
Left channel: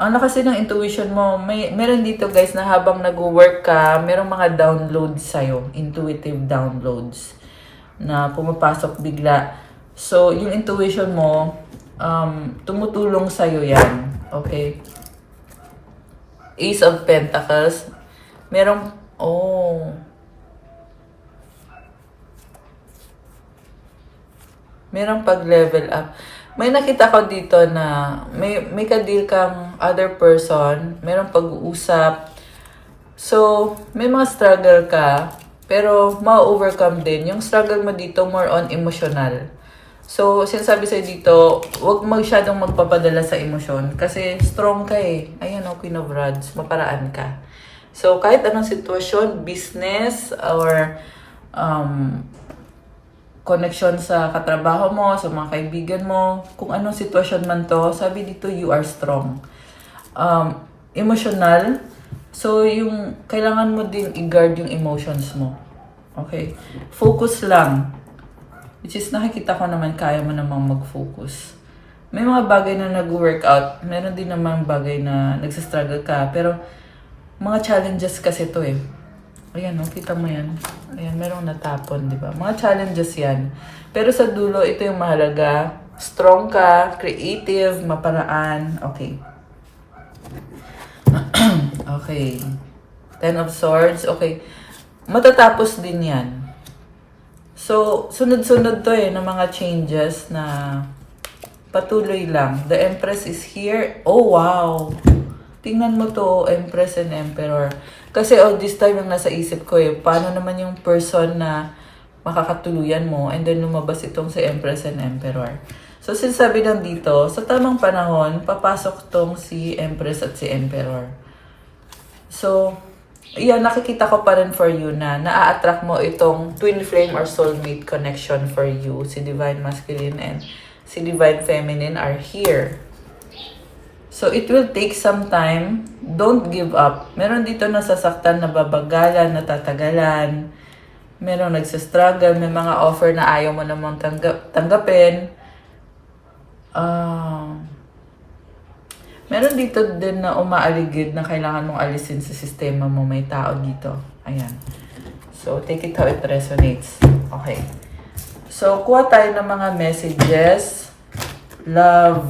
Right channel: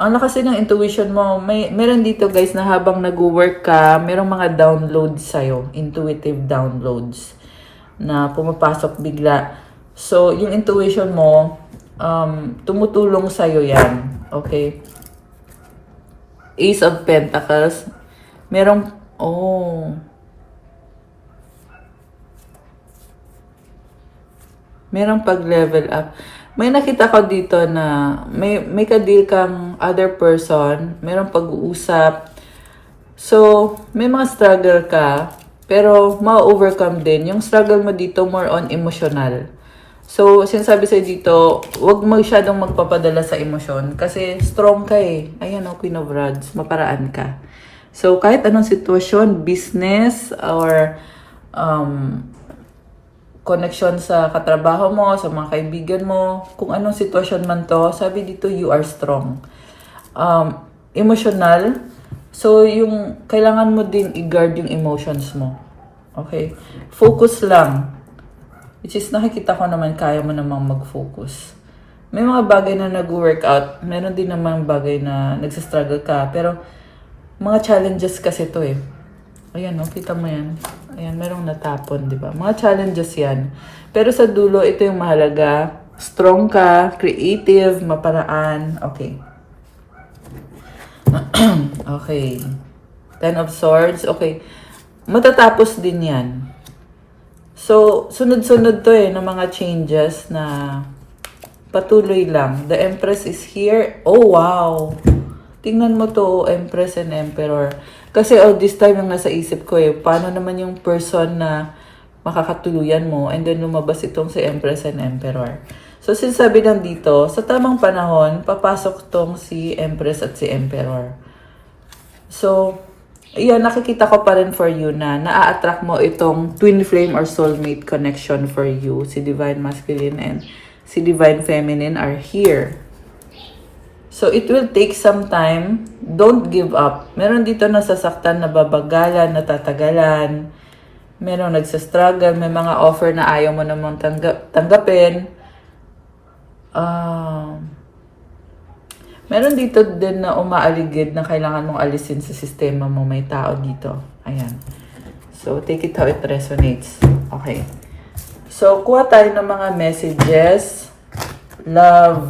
ano kasi ng intuition mo, meron dito guys na habang nag-work ka, meron mga downloads sa'yo, intuitive downloads na pumapasok bigla. So, yung intuition mo, tumutulong sa'yo yan. Okay? Ace of Pentacles. Merong, merong pag-level up. May nakita ko dito na may ka-deal kang other person, merong pag-uusap. So, may mga struggle ka, pero ma-overcome din. Yung struggle mo dito more on emotional. So, sinasabi sa'yo dito, huwag masyadong magpapadala sa emosyon kasi strong ka eh. Ayan o, Queen of Rods, maparaan ka. So, kahit anong sitwasyon, business, or connection sa katrabaho mo, sa mga kaibigan mo, kung anong sitwasyon man to, sabi dito, you are strong. Emotional, so yung kailangan mo din i-guard yung emotions mo. Okay? Focus lang. Which is nakikita ko naman kaya mo namang mag-focus. May mga bagay na nag-workout, meron din namang bagay na nagsastruggle ka, pero mga challenges kasi to eh. Ayan, kita mo yan. Ayan, merong natapon, di ba? Mga challenges yan. Pero sa dulo, ito yung mahalaga. Strong ka, creative, maparaan. Okay. Okay. Ten of Swords. Okay. Matatapos din yan. So, sunod-sunod to eh, ng mga changes na patuloy lang. The Empress is here. Oh, wow! Tingnan mo to, Empress and Emperor. Kasi all this time yung nasa isip ko eh, paano naman yung person na makakatuluyan mo and then lumabas itong si Empress and Emperor. So, sinasabi lang dito, sa tamang panahon, papasok tong si Empress at si Emperor. So, yan, nakikita ko pa rin for you na naa-attract mo itong twin flame or soulmate connection for you. Si Divine Masculine and si Divine Feminine are here. So, it will take some time. Don't give up. Meron dito nasasaktan, nababagalan, natatagalan. Meron nagsastruggle, may mga offer na ayaw mo namang tanggapin. Meron dito din na umaaligid na kailangan mong alisin sa sistema mo. May tao dito. Ayan. So, take it how it resonates. Okay. So, kuha tayo ng mga messages. Love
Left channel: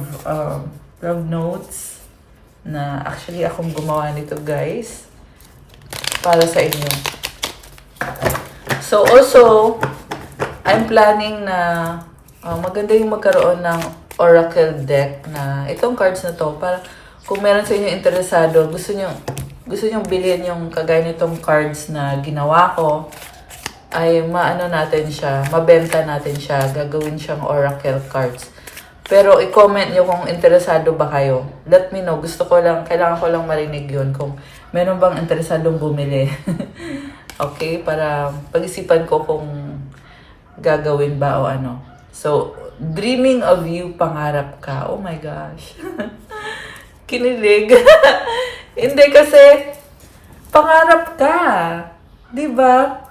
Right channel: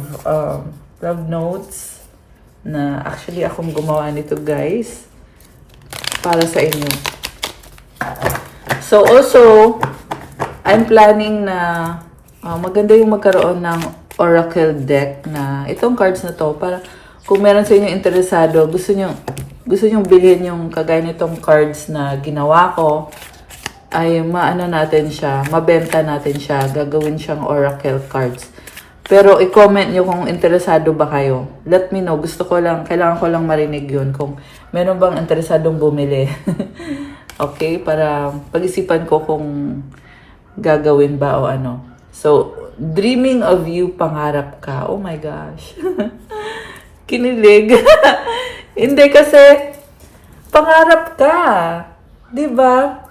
notes. Na actually, akong gumawa nito, guys. Para sa inyo. So, also, I'm planning na maganda yung magkaroon ng oracle deck na itong cards na to para kung meron sa inyo interesado, gusto nyo bilhin yung kagaya nitong cards na ginawa ko, ay maano natin siya, mabenta natin siya, gagawin siyang oracle cards. Pero i-comment nyo kung interesado ba kayo. Let me know. Kailangan ko lang marinig yun kung meron bang interesadong bumili. Okay? Para pag-isipan ko kung gagawin ba o ano. So, dreaming of you, pangarap ka. Oh my gosh. Kinilig. Hindi kasi, pangarap ka. Diba?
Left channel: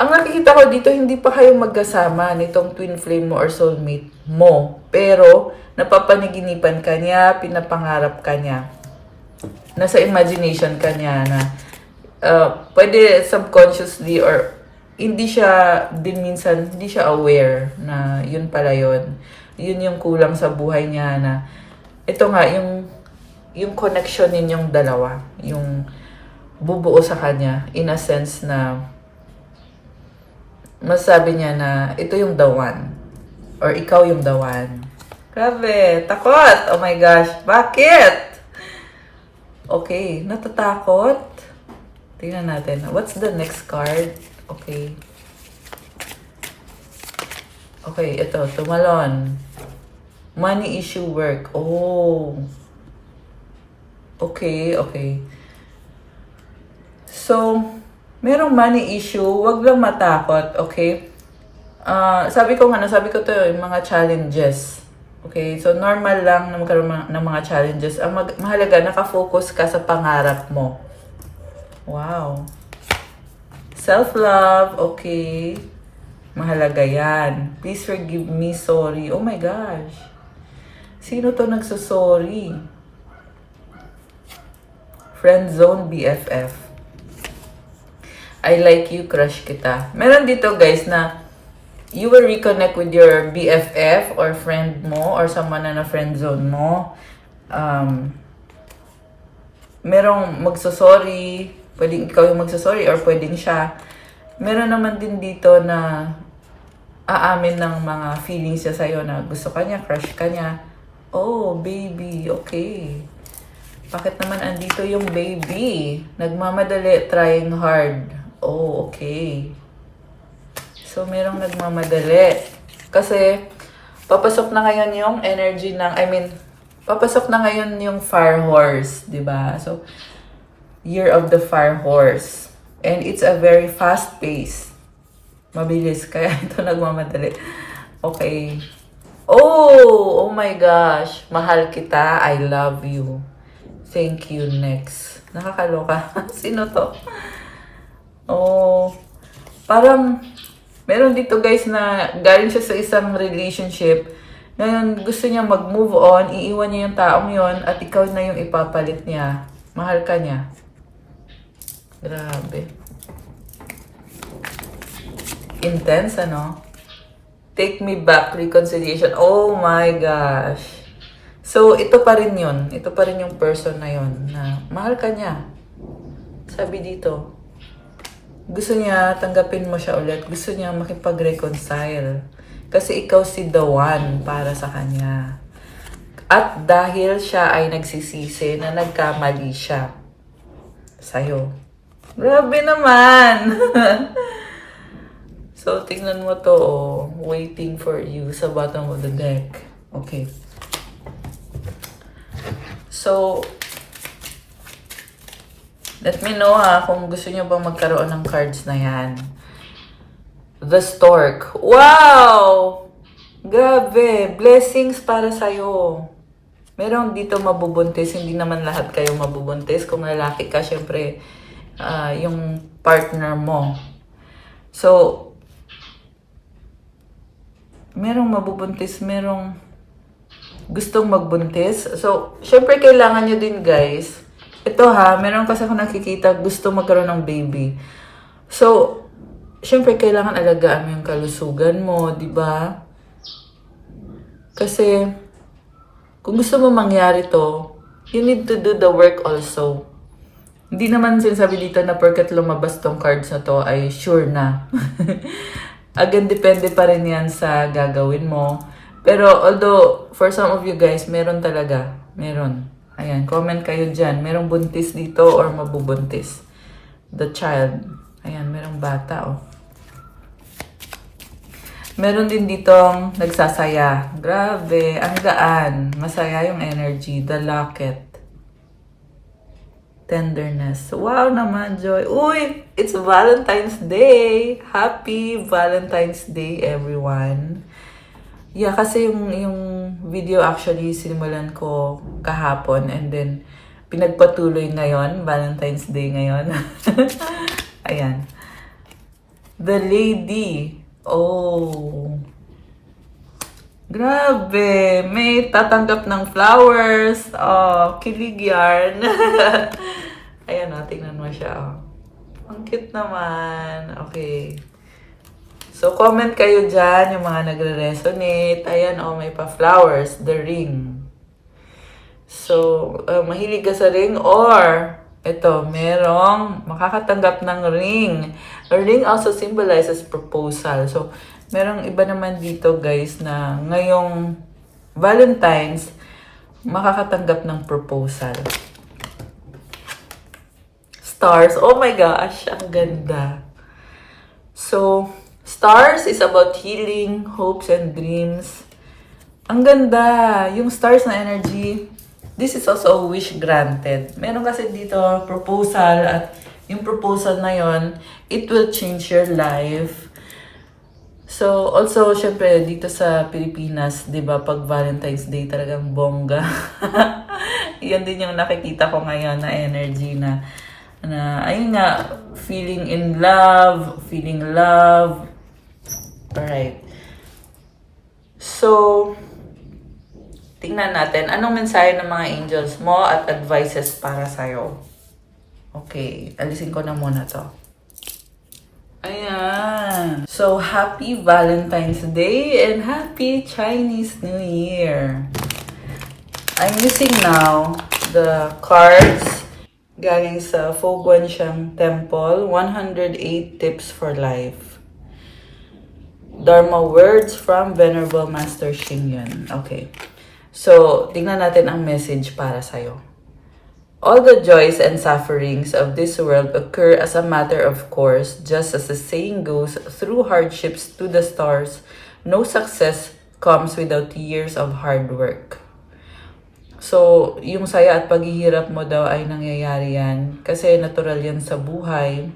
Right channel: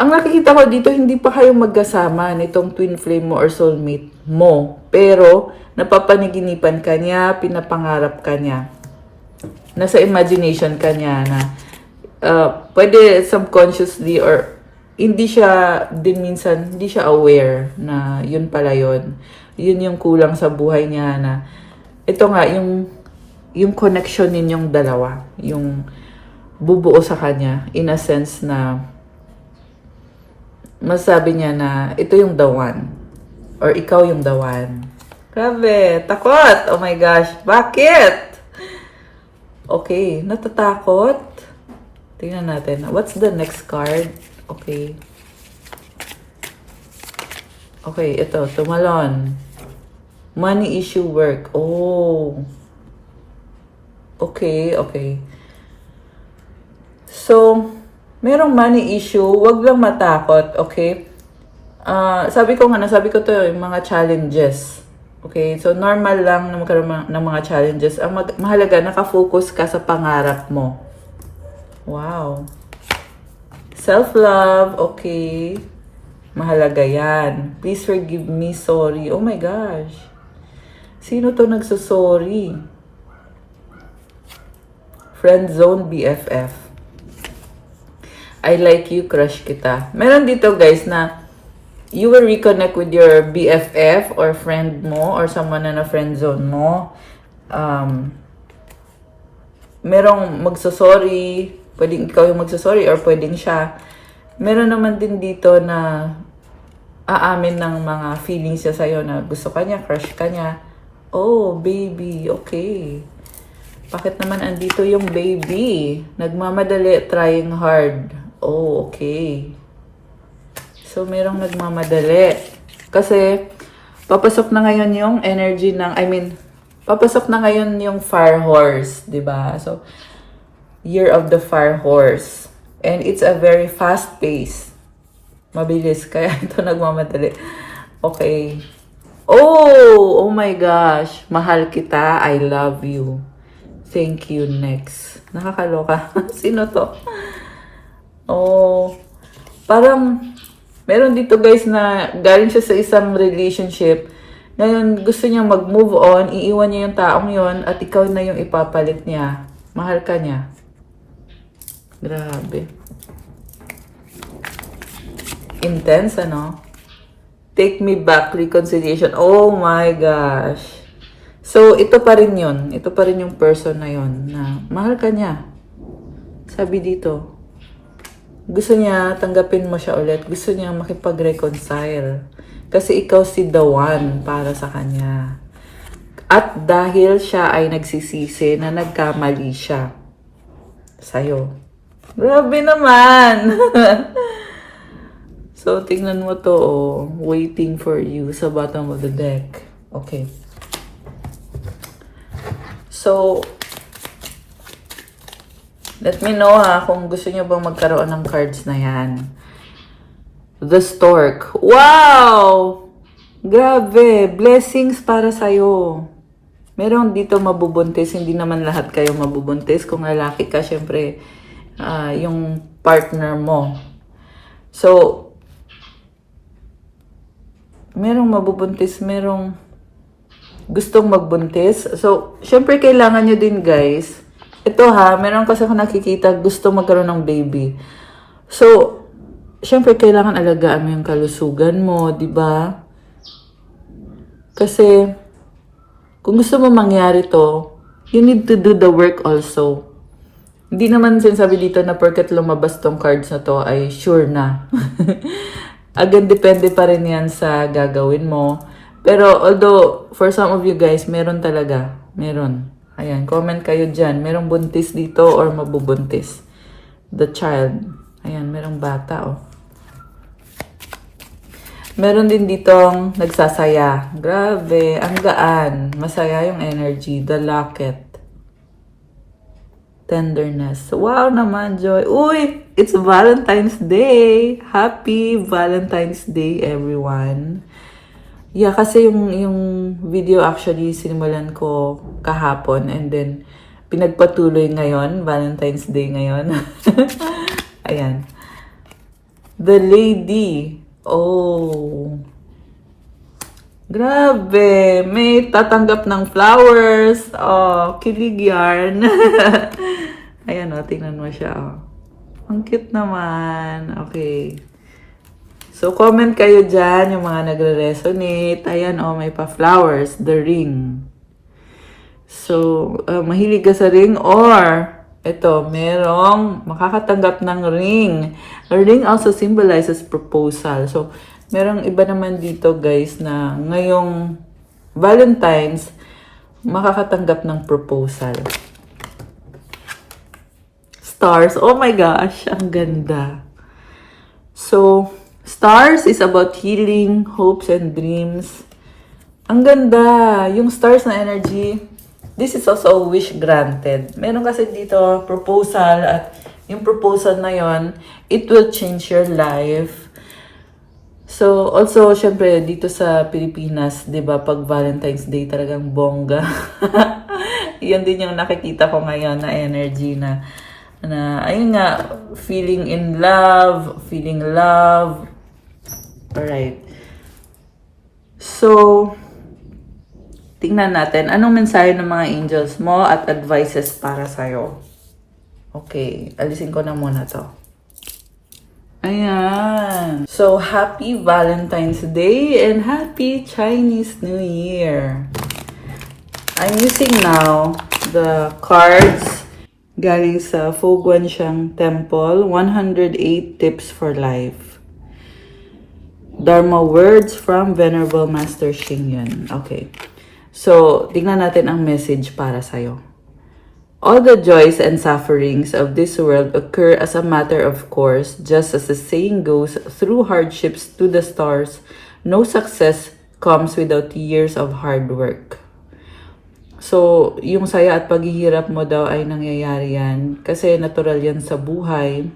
Ang nakikita ko dito, hindi pa kayo magkasama nitong twin flame mo or soulmate mo. Pero, napapanaginipan ka niya, pinapangarap ka niya. Nasa imagination ka niya na pwede subconsciously or hindi siya din minsan, hindi siya aware na yun pala yun. Yun yung kulang sa buhay niya na ito nga, yung connection ninyong dalawa, yung bubuo sa kanya, in a sense na masabi niya na ito yung the one, or ikaw yung the one. Grabe, takot! Oh my gosh, bakit? Okay, natatakot? Tingnan natin. What's the next card? Okay. Okay, ito, tumalon. Money issue work. Oh. Okay, okay. So, merong money issue, wag lang matakot, okay? Sabi ko to, yung mga challenges. Okay, so normal lang na magkaroon ng mga challenges. Ang mahalaga, nakafocus ka sa pangarap mo. Wow. Self-love, okay. Mahalaga yan. Please forgive me, sorry. Oh my gosh. Sino to nagsusorry? Friend zone BFF. I like you, crush kita. Meron dito guys na you will reconnect with your BFF or friend mo or someone na friend zone mo. Merong magsasorry. Pwedeng ikaw yung magsasorry or pwedeng siya. Meron naman din dito na aamin ng mga feelings niya sa'yo na gusto ka niya, crush ka niya. Oh, baby, okay. Bakit naman andito yung baby? Nagmamadali, trying hard. Oh, okay. So, merong nagmamadali. Kasi, papasok na ngayon yung energy ng, papasok na ngayon yung fire horse, di ba? So, year of the fire horse. And it's a very fast pace. Mabilis, kaya ito nagmamadali. Okay. Oh my gosh. Mahal kita. I love you. Thank you. Next. Nakakaloka. Sino to? Oh. Parang, meron dito guys na galing siya sa isang relationship. Ngayon, gusto niya mag-move on. Iiwan niya yung taong yon at ikaw na yung ipapalit niya. Mahal ka niya. Grabe. Intense, ano? Take me back, reconciliation. Oh my gosh. So, ito pa rin yun. Ito pa rin yung person na yun. Na mahal ka niya. Sabi dito. Gusto niya, tanggapin mo siya ulit. Gusto niya makipag-reconcile. Kasi ikaw si the one para sa kanya. At dahil siya ay nagsisisi na nagkamali siya sa'yo. Grabe naman! So, tingnan mo to, oh. Waiting for you sa bottom of the deck. Okay. So, let me know ha, kung gusto niyo bang magkaroon ng cards na yan. The Stork. Wow! Grabe! Blessings para sa'yo. Meron dito mabubuntis. Hindi naman lahat kayo mabubuntis. Kung lalaki ka, syempre, yung partner mo. So, merong mabubuntis, merong gustong magbuntis. So, syempre kailangan nyo din guys. Ito ha, meron kasi ako nakikita gusto magkaroon ng baby. So, syempre kailangan alagaan mo yung kalusugan mo, di ba? Kasi, kung gusto mo mangyari to, you need to do the work also. Hindi naman sinasabi dito na porket lumabas tong cards na to ay sure na. Agad depende pa rin yan sa gagawin mo. Pero although, for some of you guys, meron talaga. Meron. Ayan, comment kayo dyan. Merong buntis dito or mabubuntis. The child. Ayan, merong bata oh. Meron din ditong nagsasaya. Grabe, ang gaan. Masaya yung energy. The locket. Tenderness. Wow naman, Joy. Uy, it's Valentine's Day. Happy Valentine's Day, everyone. Yeah, kasi yung video actually sinimulan ko kahapon and then pinagpatuloy ngayon. Valentine's Day ngayon. Ayan. The Lady. Oh. Grabe! May tatanggap ng flowers. Oh, kilig yarn. Ayan, oh, tingnan mo siya. Oh. Ang cute naman. Okay. So, comment kayo dyan, yung mga nagre-resonate. Ayan, oh, may pa-flowers. The ring. So, mahilig ka sa ring or ito, merong makakatanggap ng ring. A ring also symbolizes proposal. So, merong iba naman dito guys na ngayong Valentine's, makakatanggap ng proposal. Stars, oh my gosh, ang ganda. So, stars is about healing, hopes, and dreams. Ang ganda, yung stars na energy. This is also a wish granted. Meron kasi dito proposal at yung proposal na yon, it will change your life. So, also, syempre, dito sa Pilipinas, di ba, pag Valentine's Day talagang bongga. Yan din yung nakikita ko ngayon na energy na ayun nga, feeling in love, feeling love. Alright. So, tingnan natin, anong mensahe ng mga angels mo at advices para sa'yo? Okay, alisin ko na muna to. Ayan. So, happy Valentine's Day and happy Chinese New Year. I'm using now the cards galing sa Fo Guangxiang Temple, 108 Tips for Life. Dharma Words from Venerable Master Xing Yun. Okay. So, tingnan natin ang message para sa'yo. All the joys and sufferings of this world occur as a matter of course, just as the saying goes, through hardships to the stars, no success comes without years of hard work. So, yung saya at paghihirap mo daw ay nangyayari yan kasi natural yan sa buhay.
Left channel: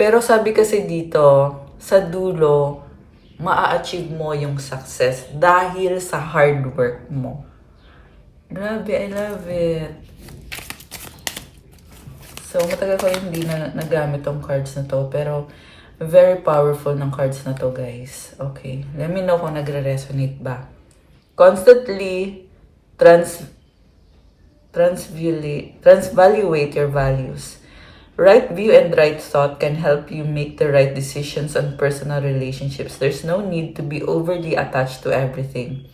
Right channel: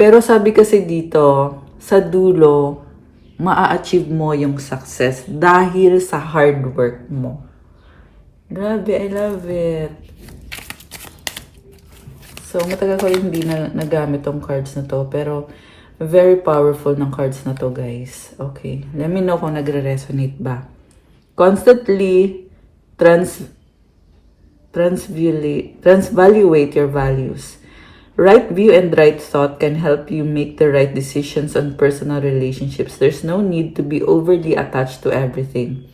Pero sabi kasi dito, sa dulo, maa-achieve mo yung success dahil sa hard work mo. Grabe, I love it. So, matagal ko hindi na nagamit tong cards na to, pero very powerful ng cards na to, guys. Okay, let me know kung nagre-resonate ba. Constantly transvaluate your values. Right view and right thought can help you make the right decisions on personal relationships. There's no need to be overly attached to everything.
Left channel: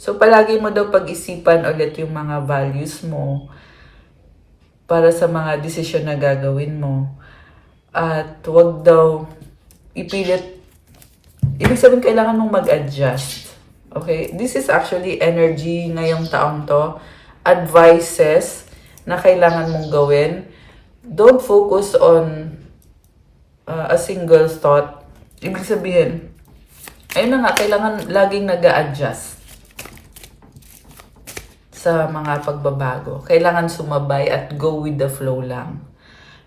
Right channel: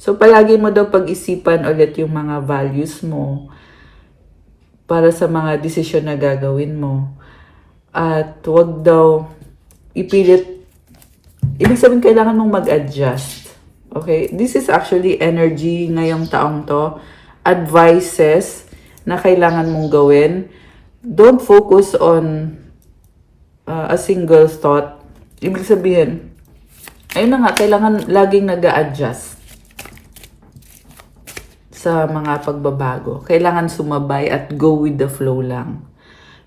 So, palagi mo daw pag-isipan ulit yung mga values mo para sa mga desisyon na gagawin mo. At huwag daw ipilit. Ibig sabihin, kailangan mong mag-adjust. Okay? This is actually energy ngayong taong to. Advices na kailangan mong gawin. Don't focus on a single thought. Ibig sabihin, ayun na nga, kailangan laging nag-a-adjust sa mga pagbabago. Kailangan sumabay at go with the flow lang.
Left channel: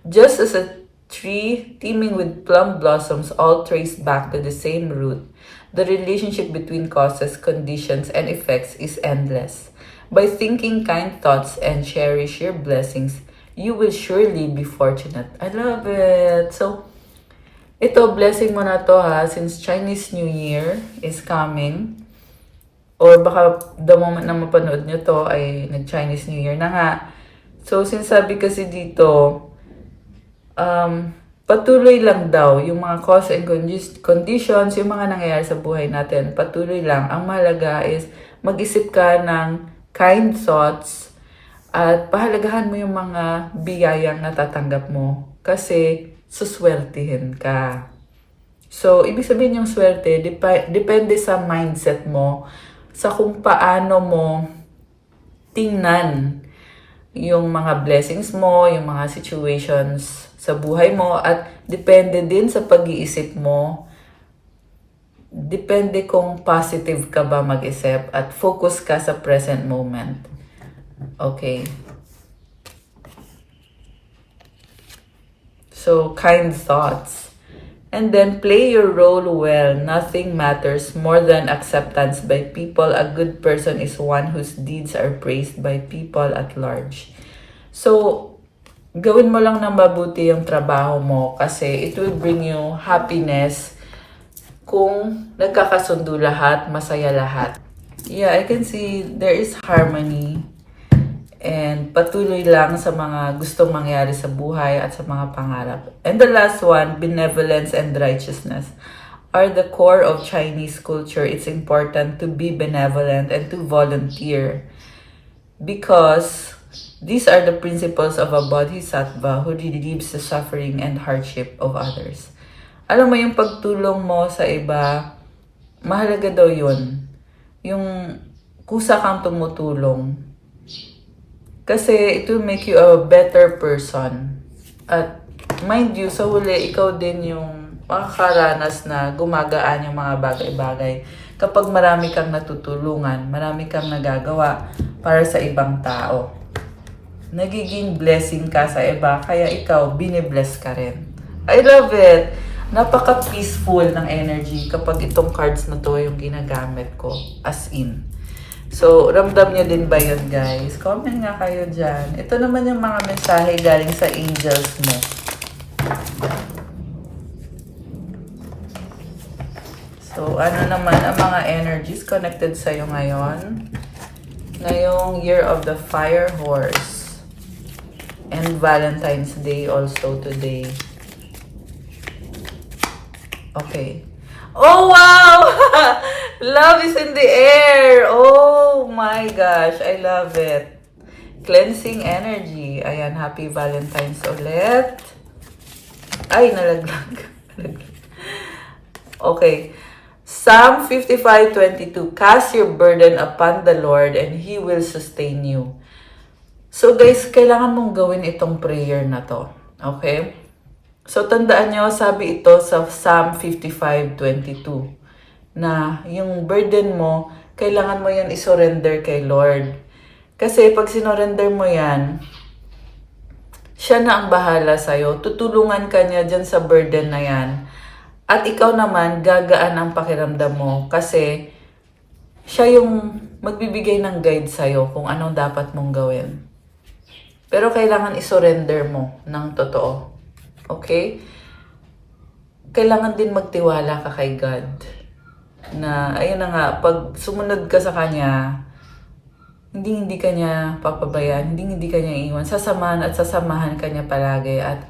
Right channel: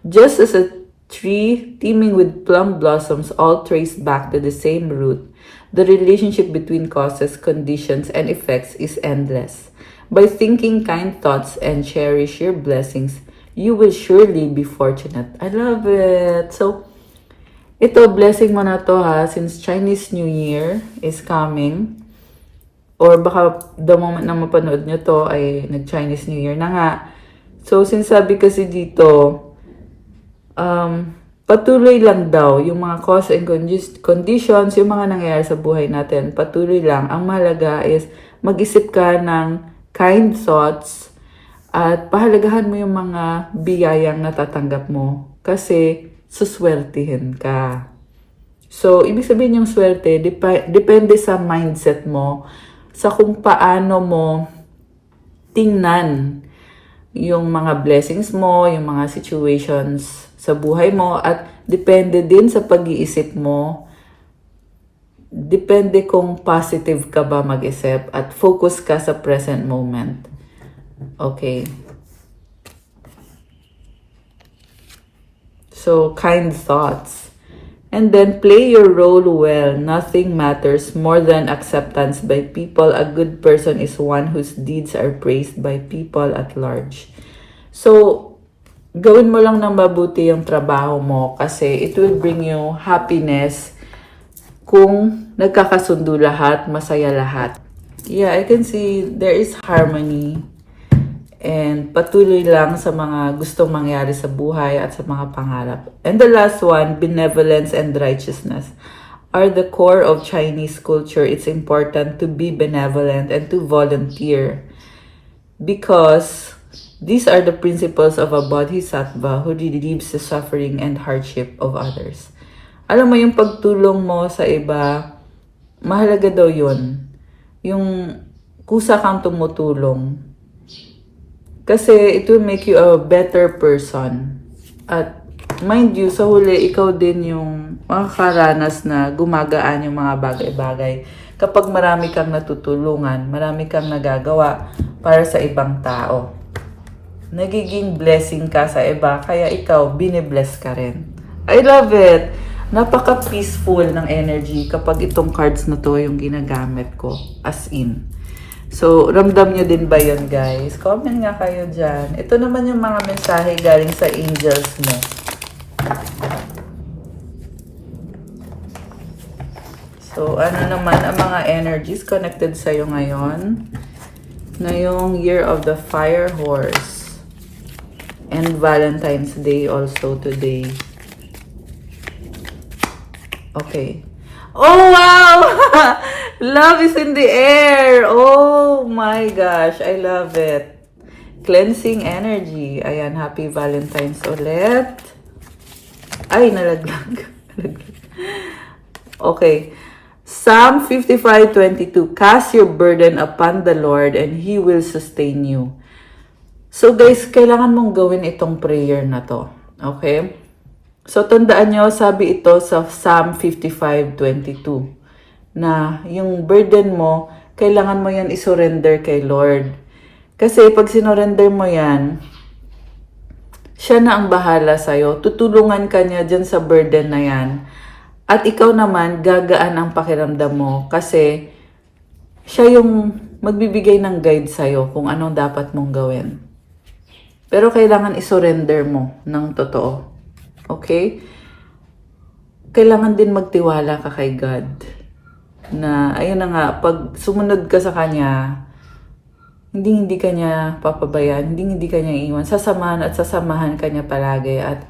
Just as a tree teeming with plum blossoms all trace back to the same root, the relationship between causes, conditions, and effects is endless. By thinking kind thoughts and cherish your blessings, you will surely be fortunate. I love it. So, ito, blessing mo na to ha, since Chinese New Year is coming. Or baka the moment na mapanood nyo to ay nag-Chinese New Year na nga. So, sinasabi kasi dito, patuloy lang daw yung mga cause and conditions, yung mga nangyayari sa buhay natin. Patuloy lang. Ang mahalaga is mag-isip ka ng kind thoughts at pahalagahan mo yung mga biyayang natatanggap mo kasi suswertihin ka. So, ibig sabihin yung swerte, depende sa mindset mo, sa kung paano mo tingnan yung mga blessings mo, yung mga situations sa buhay mo, at depende din sa pag-iisip mo. Depende kung positive ka ba mag-isip at focus ka sa present moment. Okay. So, kind thoughts. And then, play your role well. Nothing matters more than acceptance by people. A good person is one whose deeds are praised by people at large. So, gawin mo lang ng mabuti yung trabaho mo kasi it will bring you happiness kung nagkakasundo lahat, masaya lahat. Yeah, I can see there is harmony. And patuloy lang sa mga gustong mangyari sa buhay at sa mga pangarap. And the last one, benevolence and righteousness. are the core of Chinese culture, it's important to be benevolent and to volunteer because these are the principles of a bodhisattva who relieves the suffering and hardship of others. Alam mo, yung pagtulong mo sa iba, mahalaga daw yun. Yung kusa kang tumutulong. Kasi it will make you a better person. At mind you, sa huli, ikaw din yung makakaranas na gumagaan yung mga bagay-bagay. Kapag marami kang natutulungan, marami kang nagagawa para sa ibang tao. Nagiging blessing ka sa iba, kaya ikaw, bine-bless ka rin. I love it! Napaka-peaceful ng energy kapag itong cards na to yung ginagamit ko. As in. So, ramdam nyo din ba yun, guys? Comment nga kayo dyan. Ito naman yung mga mensahe galing sa angels mo. So, ano naman ang mga energies connected sa'yo ngayon? Ngayong Year of the Fire Horse. And Valentine's Day also today. Okay. Oh, wow! Love is in the air! Oh my gosh, I love it. Cleansing energy. Ayan, happy Valentine's ulit. Ay, nalaglag. Okay. Psalm 55:22. Cast your burden upon the Lord and He will sustain you. So guys, kailangan mong gawin itong prayer na to. Okay? So, tandaan nyo, sabi ito sa Psalm 55:22 na yung burden mo, kailangan mo yan isurrender kay Lord. Kasi pag sinurrender mo yan, siya na ang bahala sa'yo. Tutulungan ka niya dyan sa burden na yan. At ikaw naman, gagaan ang pakiramdam mo kasi siya yung magbibigay ng guide sa'yo kung anong dapat mong gawin. Pero kailangan isurrender mo ng totoo. Okay? Kailangan din magtiwala ka kay God. Na, ayun na nga, pag sumunod ka sa Kanya, hindi ka niya papabayaan, hindi ka niya iiwan. Sasamahan at sasamahan ka niya palagi at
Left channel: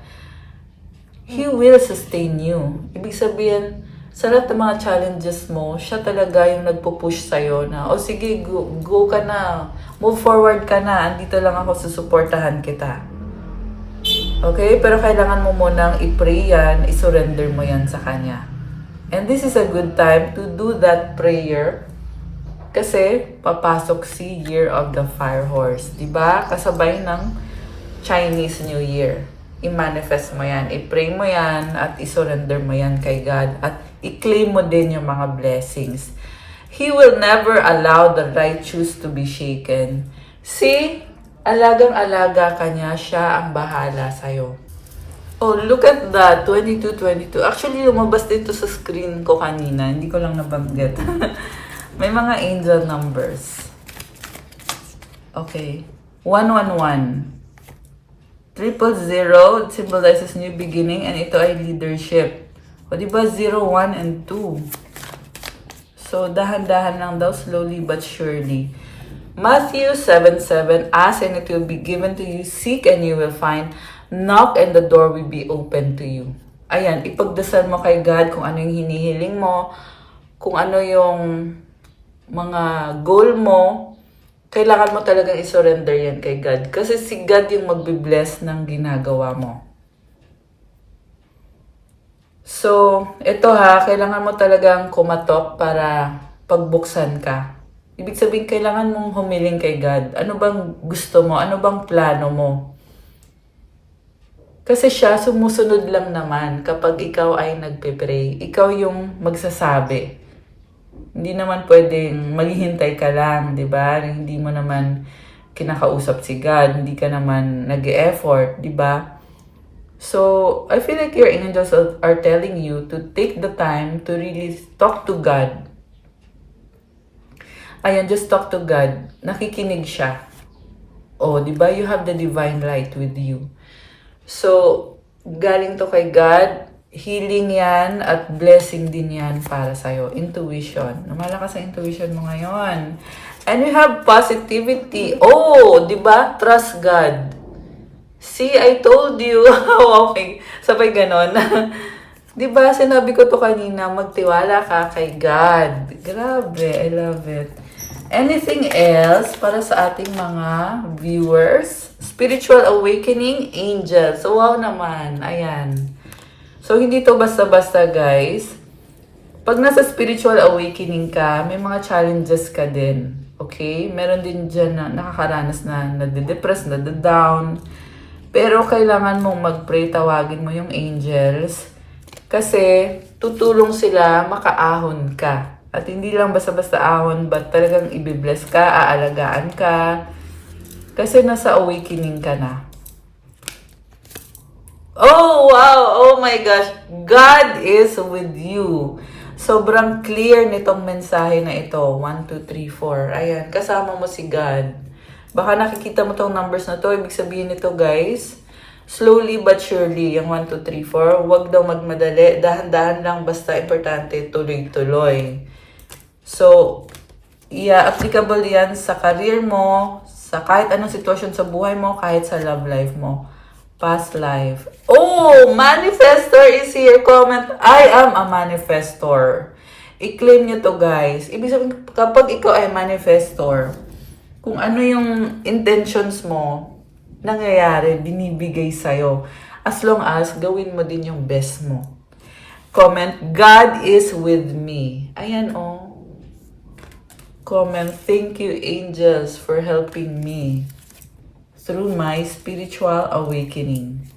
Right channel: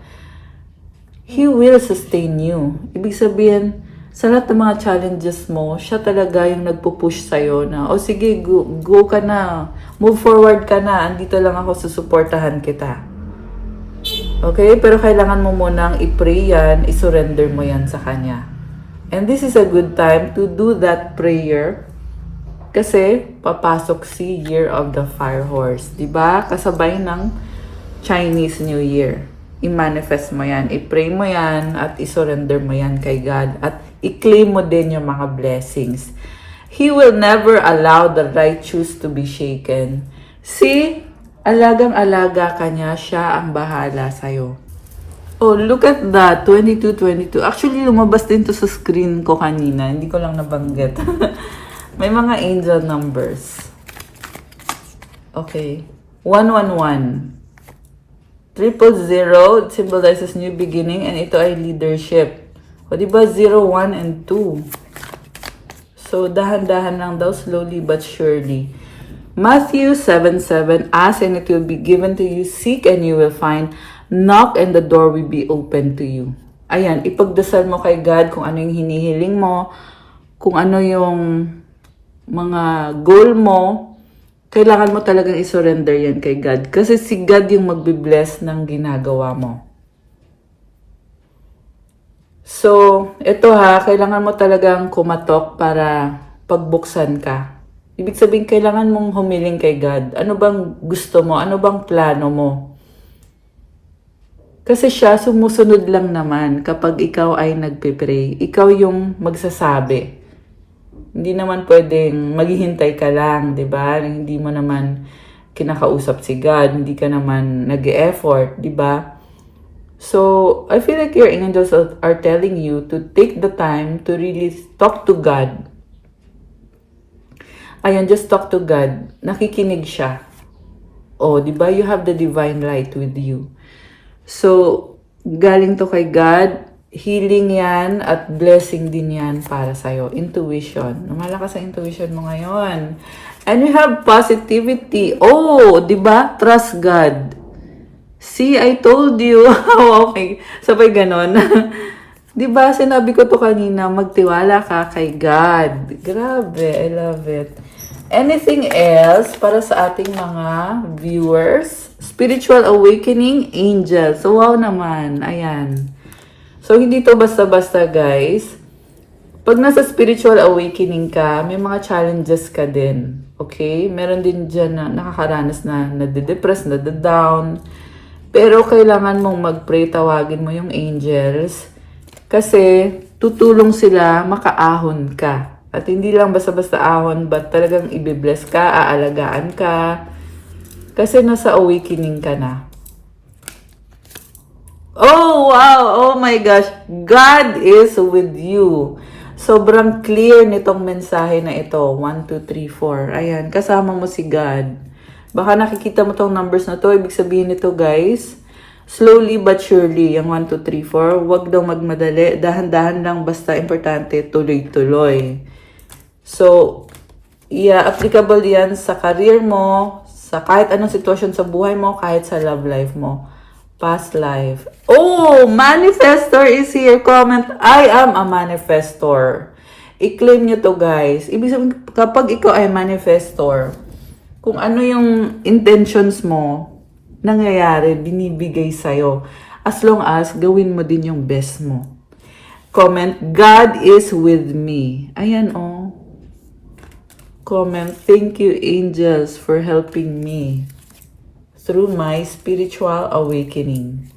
He will sustain you. Ibig sabihin, sa lahat ng mga challenges mo, siya talaga yung nagpo-push sa'yo na, o sige, go ka na, move forward ka na, andito lang ako, susuportahan kita. Okay? Pero kailangan mo munang i-pray yan, i-surrender mo yan sa Kanya. And this is a good time to do that prayer kasi papasok si Year of the Fire Horse. Diba? Kasabay ng Chinese New Year. I-manifest mo yan, i-pray mo yan, at i-surrender mo yan kay God. At i-claim mo din yung mga blessings. He will never allow the righteous to be shaken. See? Alagang-alaga ka niya, siya ang bahala sa'yo. Oh, look at that, 22-22. Actually, lumabas din to sa screen ko kanina. Hindi ko lang nabanggit. May mga angel numbers. Okay. 111. 000, it symbolizes new beginning, and ito ay leadership. O, diba? 0, 1, and 2. So, dahan-dahan lang daw, slowly but surely. Matthew 7:7, ask and it will be given to you, seek and you will find, knock and the door will be open to you. Ayan, ipagdasal mo kay God kung ano yung hinihiling mo, kung ano yung mga goal mo, kailangan mo talagang isurrender yan kay God. Kasi si God yung magbibless ng ginagawa mo. So, ito kailangan mo talagang kumatok para pagbuksan ka. Ibig sabihin, kailangan mong humiling kay God. Ano bang gusto mo? Ano bang plano mo? Kasi siya, sumusunod lang naman kapag ikaw ay nagpipray. Ikaw yung magsasabi. Hindi naman pwedeng maghihintay ka lang, di ba? Hindi mo naman kinakausap si God. Hindi ka naman nag-e-effort, di ba? So, I feel like your angels are telling you to take the time to really talk to God. Ayan, just talk to God. Nakikinig siya. Oh, di ba? You have the divine light with you. So, galing to kay God, healing yan at blessing din yan para sa'yo. Intuition. Malakas sa intuition mo ngayon. And we have positivity. Oh, di ba? Trust God. See, I told you. Okay. Sabay ganon. Di ba, sinabi ko to kanina, magtiwala ka kay God. Grabe, I love it. Anything else para sa ating mga viewers? Spiritual awakening, angels. Wow naman, ayan. So, hindi to basta-basta, guys. Pag nasa spiritual awakening ka, may mga challenges ka din. Okay? Meron din dyan na nakakaranas na nade-depress, nade-down. Pero kailangan mong mag-pray, tawagin mo yung angels. Kasi tutulong sila makaahon ka. At hindi lang basta-basta ahon, but talagang ibibless ka, aalagaan ka. Kasi nasa awakening ka na. Oh, wow! Oh my gosh! God is with you. Sobrang clear nitong mensahe na ito. 1, 2, 3, 4. Ayan, kasama mo si God. Baka nakikita mo tong numbers na to. Ibig sabihin nito, guys, slowly but surely, yung 1, 2, 3, 4, huwag daw magmadali. Dahan-dahan lang, basta importante, tuloy-tuloy. So, yeah, applicable yan sa career mo, sa kahit anong sitwasyon sa buhay mo, kahit sa love life mo. Past life. Oh, manifestor is here. Comment, I am a manifestor. I-claim nyo to, guys. Ibig sabihin, kapag ikaw ay manifestor, kung ano yung intentions mo, nangyayari, binibigay sa'yo. As long as gawin mo din yung best mo. Comment, God is with me. Ayan, oh. Comment, thank you, angels, for helping me through my spiritual awakening.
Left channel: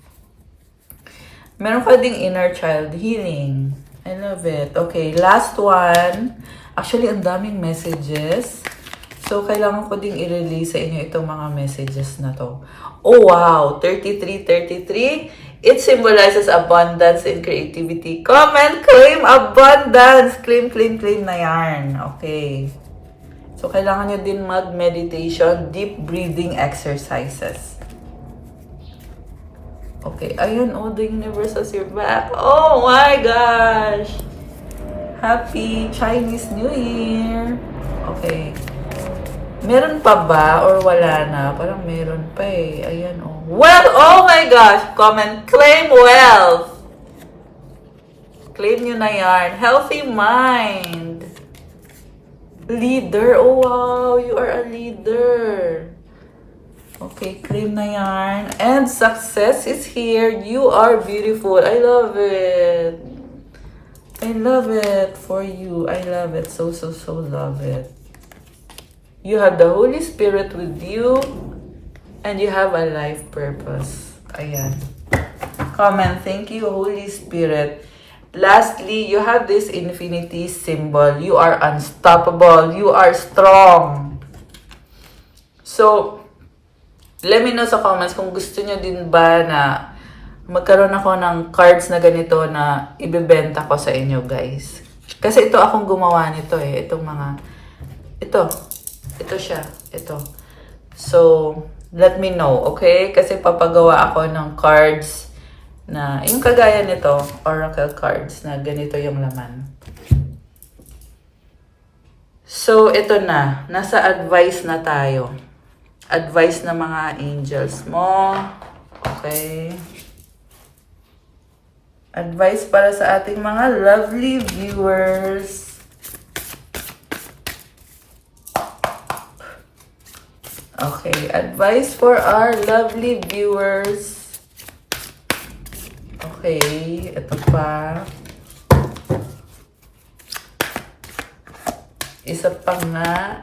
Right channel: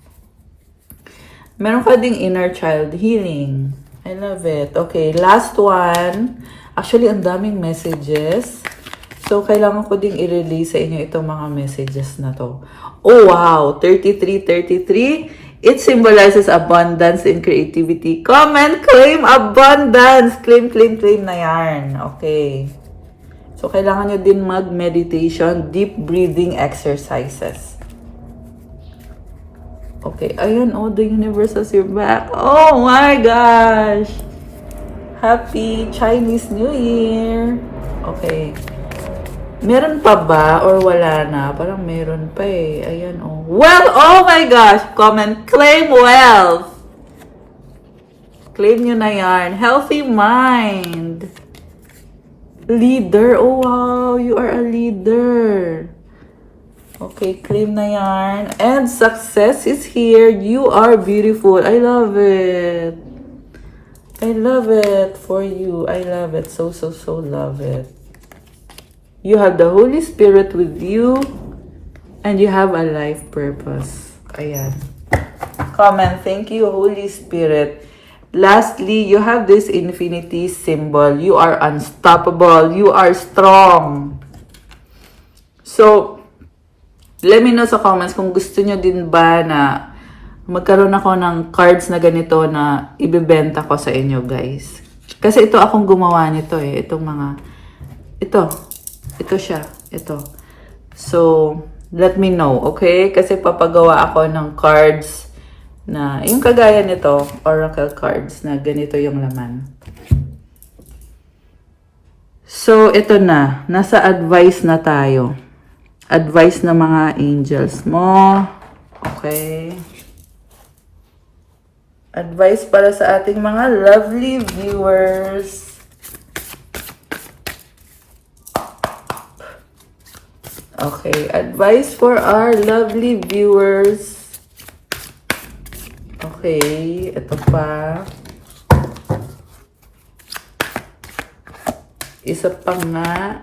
Meron ka ding inner child healing. I love it. Okay, last one. Actually, ang daming messages. So, kailangan ko ding i-release sa inyo itong mga messages na to. Oh, wow! 33. It symbolizes abundance and creativity. Comment, claim abundance! Claim na yan. Okay. So, kailangan nyo din mag-meditation, deep breathing exercises. Okay. Ayun, oh, the universe has your back. Oh my gosh! Happy Chinese New Year! Okay. Meron pa ba or wala na? Parang meron pa eh. Ayan, oh. Well, oh my gosh! Comment, claim wealth! Claim nyo na yan. Healthy mind. Leader. Oh, wow. You are a leader. Okay, claim na yan. And success is here. You are beautiful. I love it. I love it for you. I love it. So love it. You have the Holy Spirit with you, and you have a life purpose. Ayan. Comment, thank you, Holy Spirit. Lastly, you have this infinity symbol. You are unstoppable. You are strong. So, let me know sa comments kung gusto nyo din ba na magkaroon ako ng cards na ganito na ibebenta ko sa inyo, guys. Kasi ito akong gumawa nito eh. Itong mga... Ito siya. Ito. So, let me know, okay? Kasi papagawa ako ng cards na, yung kagaya nito, oracle cards na ganito yung laman. So, ito na. Nasa advice na tayo. Advice na mga angels mo. Okay. Advice para sa ating mga lovely viewers. Okay, advice for our lovely viewers. Okay, ito pa. Isa pa nga.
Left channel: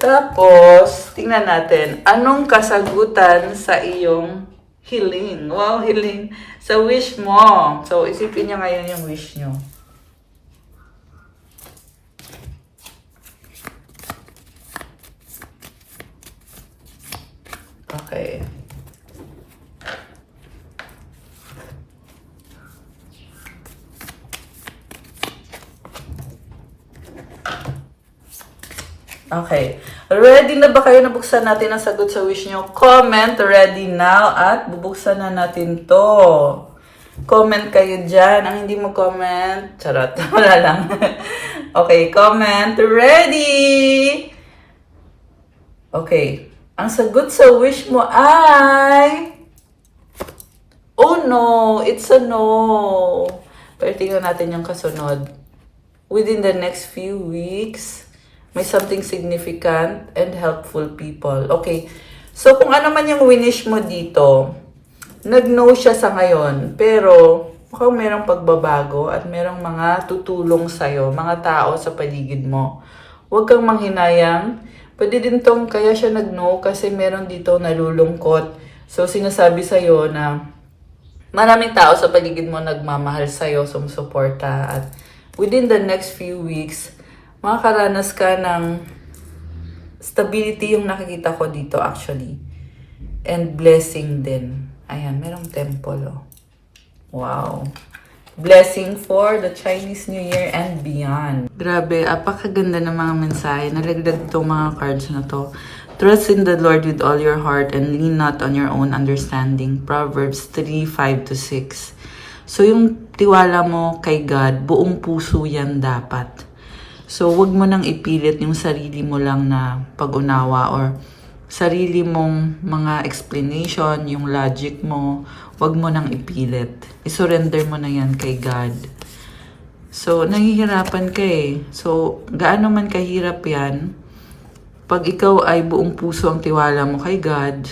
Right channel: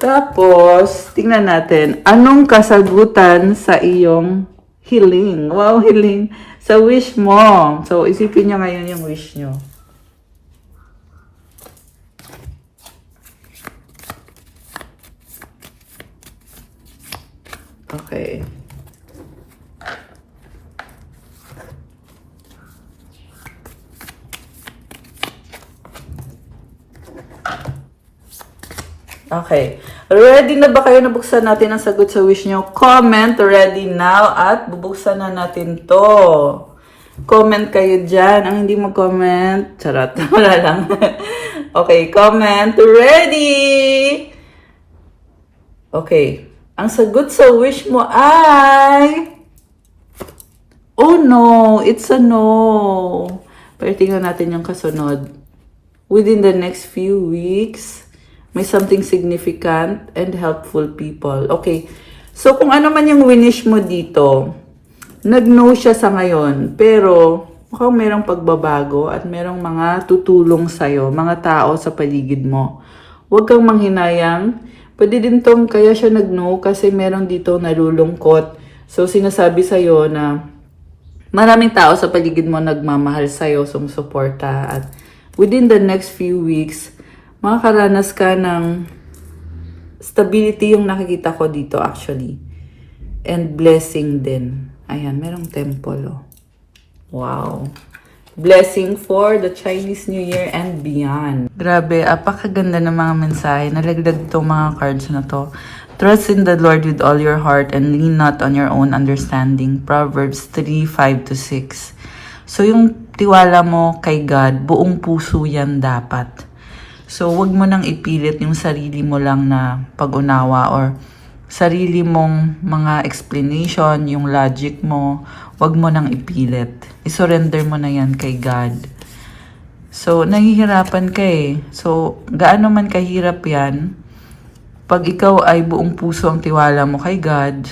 Tapos, tingnan natin, anong kasagutan sa iyong hiling? Wow, hiling. Sa wish mo. So, isipin niyo ngayon yung wish niyo. Okay. Okay. Ready na ba kayo na buksan natin ang sagot sa wish nyo? Comment ready now at bubuksan na natin to. Comment kayo dyan. Ang hindi mo comment, charot. Wala lang. Okay, comment ready! Okay. Ang sagot sa wish mo ay... Oh no, it's a no. Pero tingnan natin yung kasunod. Within the next few weeks, may something significant and helpful people. Okay, so kung ano man yung winish mo dito, nag-no siya sa ngayon, pero mukhang merong pagbabago at merong mga tutulong sa'yo, mga tao sa paligid mo. Huwag kang manghinayang. Pwede din tong kaya siya nag-no kasi meron dito nalulungkot. So sinasabi sa'yo na maraming tao sa paligid mo nagmamahal sa'yo, sumusuporta, at within the next few weeks, makakaranas ka ng stability yung nakikita ko dito actually. And blessing din. Ayan, merong temple. Oh. Wow. Blessing for the Chinese New Year and beyond. Grabe, apakaganda ng mga mensahe. Nalagdag itong mga cards na to. Trust in the Lord with all your heart and lean not on your own understanding. Proverbs 3:5-6. So, yung tiwala mo kay God, buong puso yan dapat. So, wag mo nang ipilit yung sarili mo lang na pag-unawa or sarili mong mga explanation, yung logic mo, wag mo nang ipilit. I-surrender mo na yan kay God. So, nahihirapan ka eh. So, gaano man kahirap yan, pag ikaw ay buong puso ang tiwala mo kay God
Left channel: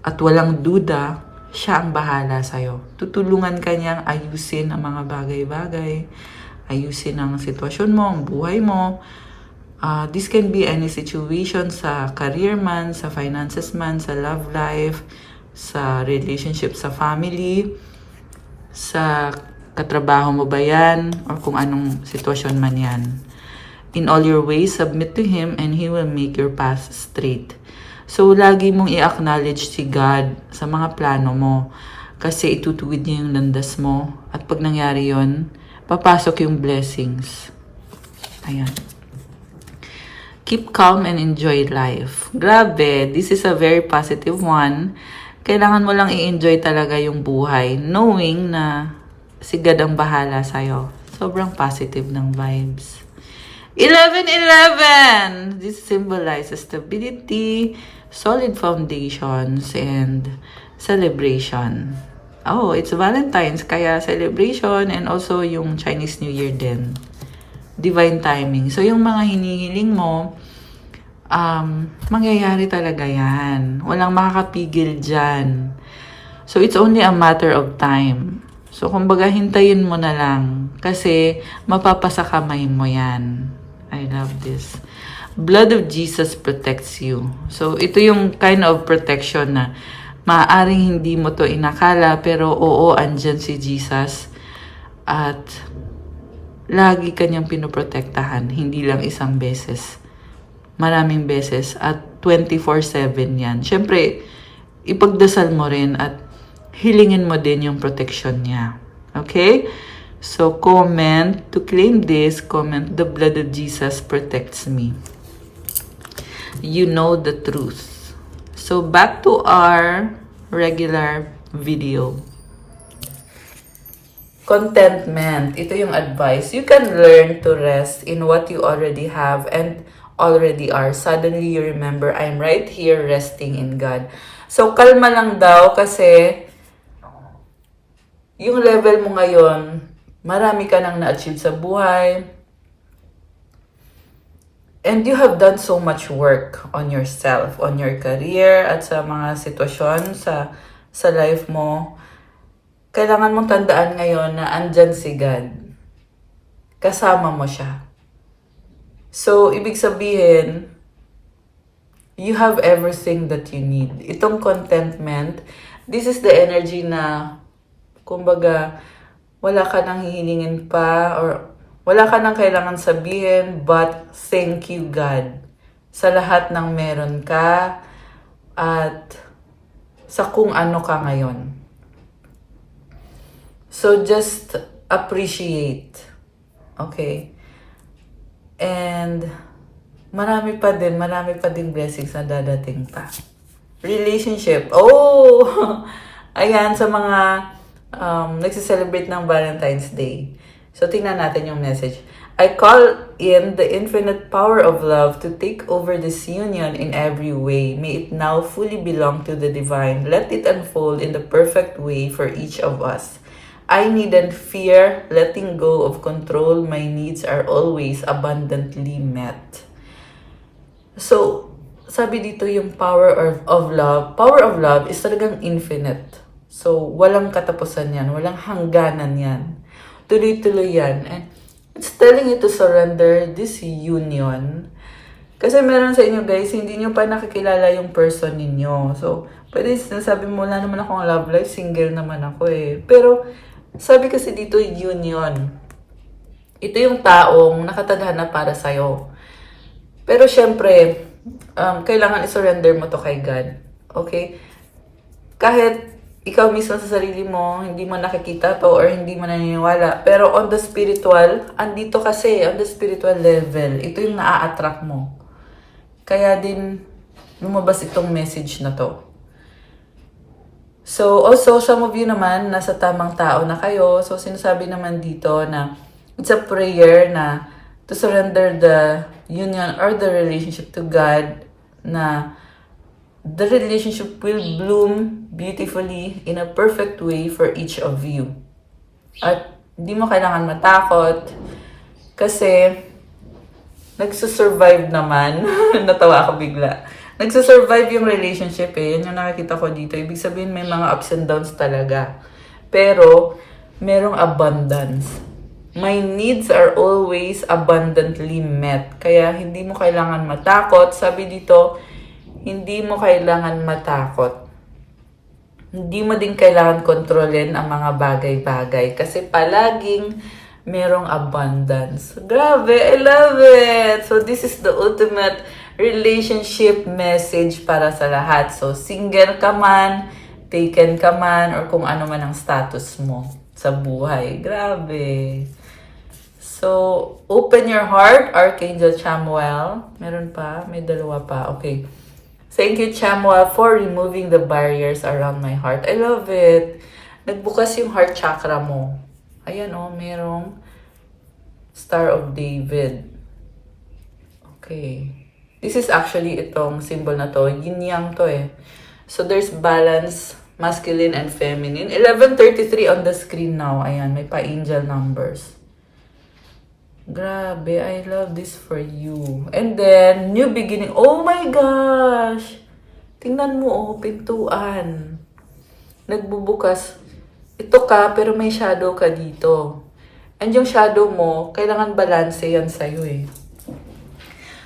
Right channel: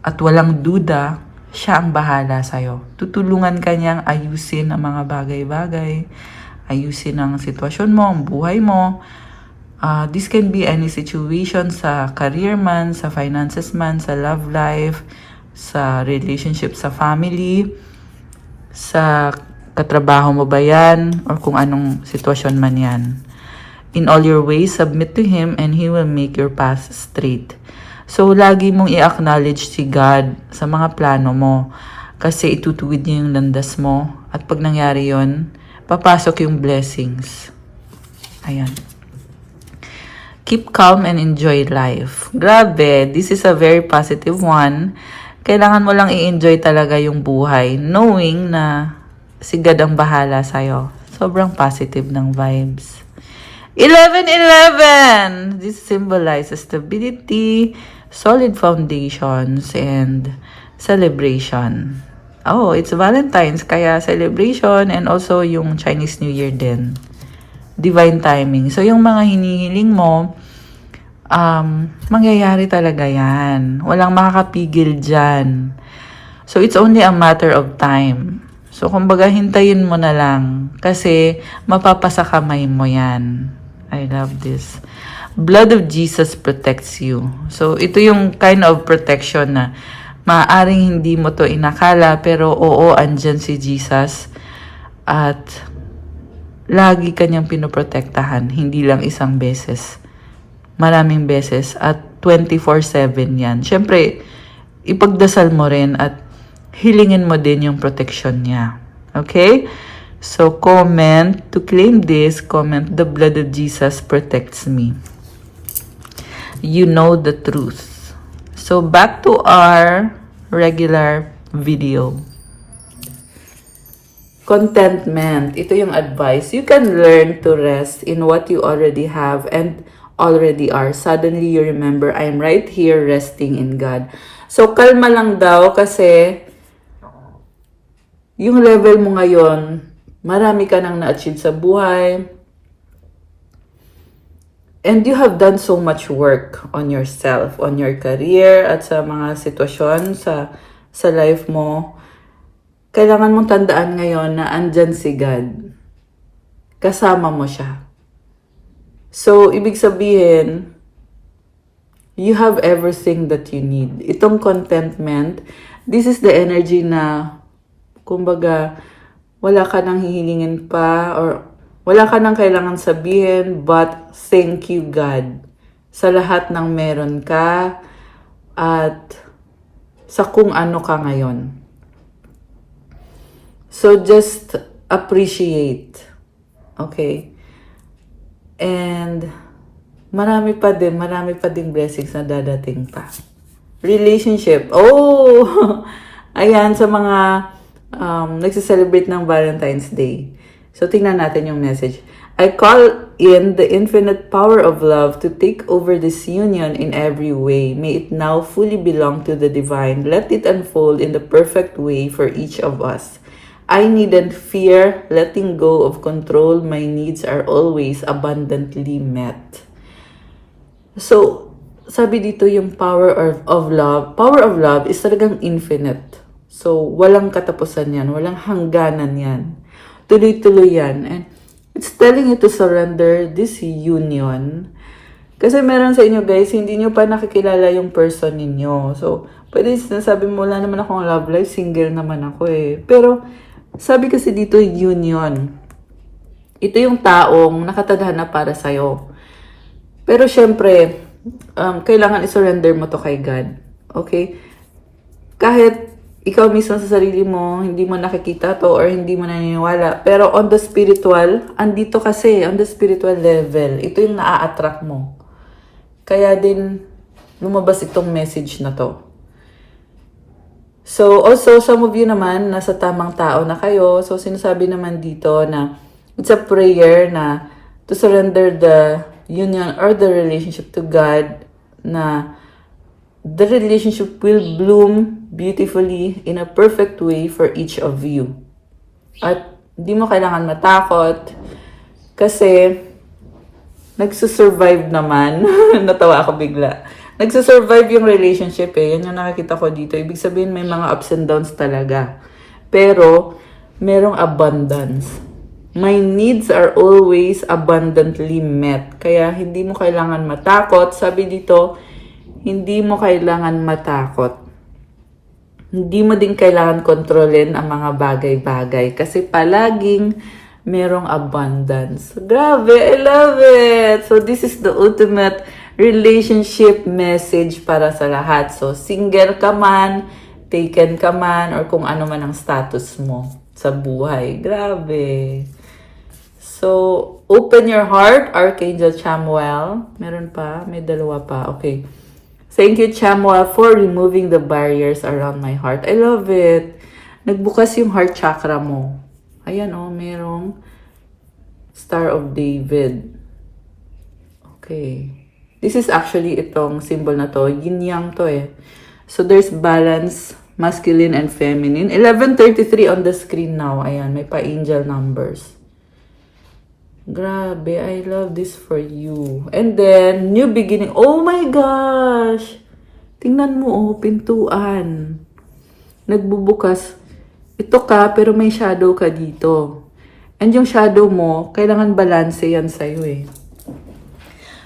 at walang duda, siya ang bahala sa'yo. Tutulungan ka niyang ayusin ang mga bagay-bagay, ayusin ang sitwasyon mo, ang buhay mo. This can be any situation sa career man, sa finances man, sa love life, sa relationship sa family, sa katrabaho mo ba yan, or kung anong sitwasyon man yan. In all your ways, submit to Him and He will make your path straight. So, lagi mong i-acknowledge si God sa mga plano mo kasi itutuwid niya yung landas mo. At pag nangyari yon, papasok yung blessings. Ayan. Keep calm and enjoy life. Grabe, this is a very positive one. Kailangan mo lang i-enjoy talaga yung buhay, knowing na si God ang bahala sa'yo. Sobrang positive ng vibes. 11-11! This symbolizes stability, solid foundations, and celebration. Oh, it's Valentine's, kaya celebration and also yung Chinese New Year din. Divine timing. So, yung mga hinihiling mo, mangyayari talaga yan. Walang makakapigil dyan. So, it's only a matter of time. So, kumbaga, hintayin mo na lang. Kasi, mapapasa kamay mo yan. I love this. Blood of Jesus protects you. So, ito yung kind of protection na maaaring hindi mo to inakala, pero oo, andyan si Jesus. At lagi kanyang pinoprotektahan. Hindi lang isang beses. Maraming beses. At 24/7 yan. Siyempre, ipagdasal mo rin at hilingin mo din yung protection niya. Okay? So, comment. To claim this, comment, the blood of Jesus protects me. You know the truth. So, back to our regular video. Contentment. Ito yung advice. You can learn to rest in what you already have and already are. Suddenly, you remember, I'm right here resting in God. So, kalma lang daw kasi yung level mo ngayon, marami ka nang na-achieve sa buhay. And you have done so much work on yourself, on your career, at sa mga sitwasyon sa life mo. Kailangan mong tandaan ngayon na andyan si God. Kasama mo siya. So, ibig sabihin, you have everything that you need. Itong contentment, this is the energy na, kumbaga, wala ka nang hihilingin pa or wala ka nang kailangan sabihin but thank you God sa lahat ng meron ka at sa kung ano ka ngayon. So just appreciate. Okay? And marami pa din blessings na dadating pa. Relationship. Oh! Ayan, sa mga nagsiselebrate ng Valentine's Day. So, tingnan natin yung message. I call in the infinite power of love to take over this union in every way. May it now fully belong to the divine. Let it unfold in the perfect way for each of us. I needn't fear letting go of control. My needs are always abundantly met. So, sabi dito yung power of love is talagang infinite. So, walang katapusan yan. Walang hangganan yan. Tuloy-tuloy yan. And it's telling you to surrender this union. Kasi meron sa inyo guys, hindi nyo pa nakikilala yung person ninyo. So, pwede sinasabi mo, wala naman akong love life, single naman ako eh. Pero, sabi kasi dito, union. Ito yung taong nakatadhana para sa'yo. Pero syempre, kailangan i-surrender mo to kay God. Okay? Kahit ikaw mismo sa sarili mo, hindi mo nakikita to or hindi mo naniniwala. Pero on the spiritual, andito kasi, on the spiritual level, ito yung naa-attract mo. Kaya din, lumabas itong message na to. So, also, some of you naman, nasa tamang tao na kayo. So, sinasabi naman dito na it's a prayer na to surrender the union or the relationship to God, na the relationship will bloom beautifully in a perfect way for each of you. At hindi mo kailangan matakot kasi nagsusurvive naman. Natawa ako bigla. Nagsusurvive yung relationship eh. Yan yung nakikita ko dito. Ibig sabihin may mga ups and downs talaga. Pero merong abundance. My needs are always abundantly met. Kaya hindi mo kailangan matakot. Sabi dito, hindi mo kailangan matakot. Hindi mo din kailangan kontrolin ang mga bagay-bagay kasi palaging merong abundance. Grabe, I love it! So this is the ultimate relationship message para sa lahat. So single ka man, taken ka man, or kung ano man ang status mo sa buhay. Grabe! So, open your heart, Archangel Chamuel. Meron pa? May dalawa pa. Okay. Thank you, Chamuel, for removing the barriers around my heart. I love it. Nagbukas yung heart chakra mo. Ayan o, merong Star of David. Okay. This is actually itong symbol na to. Yin-yang to eh. So, there's balance, masculine and feminine. 11:33 on the screen now. Ayan, may pa-angel numbers. Grabe, I love this for you. And then, new beginning. Oh my gosh! Tingnan mo, oh, pintuan. Nagbubukas. Ito ka, pero may shadow ka dito. And yung shadow mo, kailangan balance yan sa'yo eh.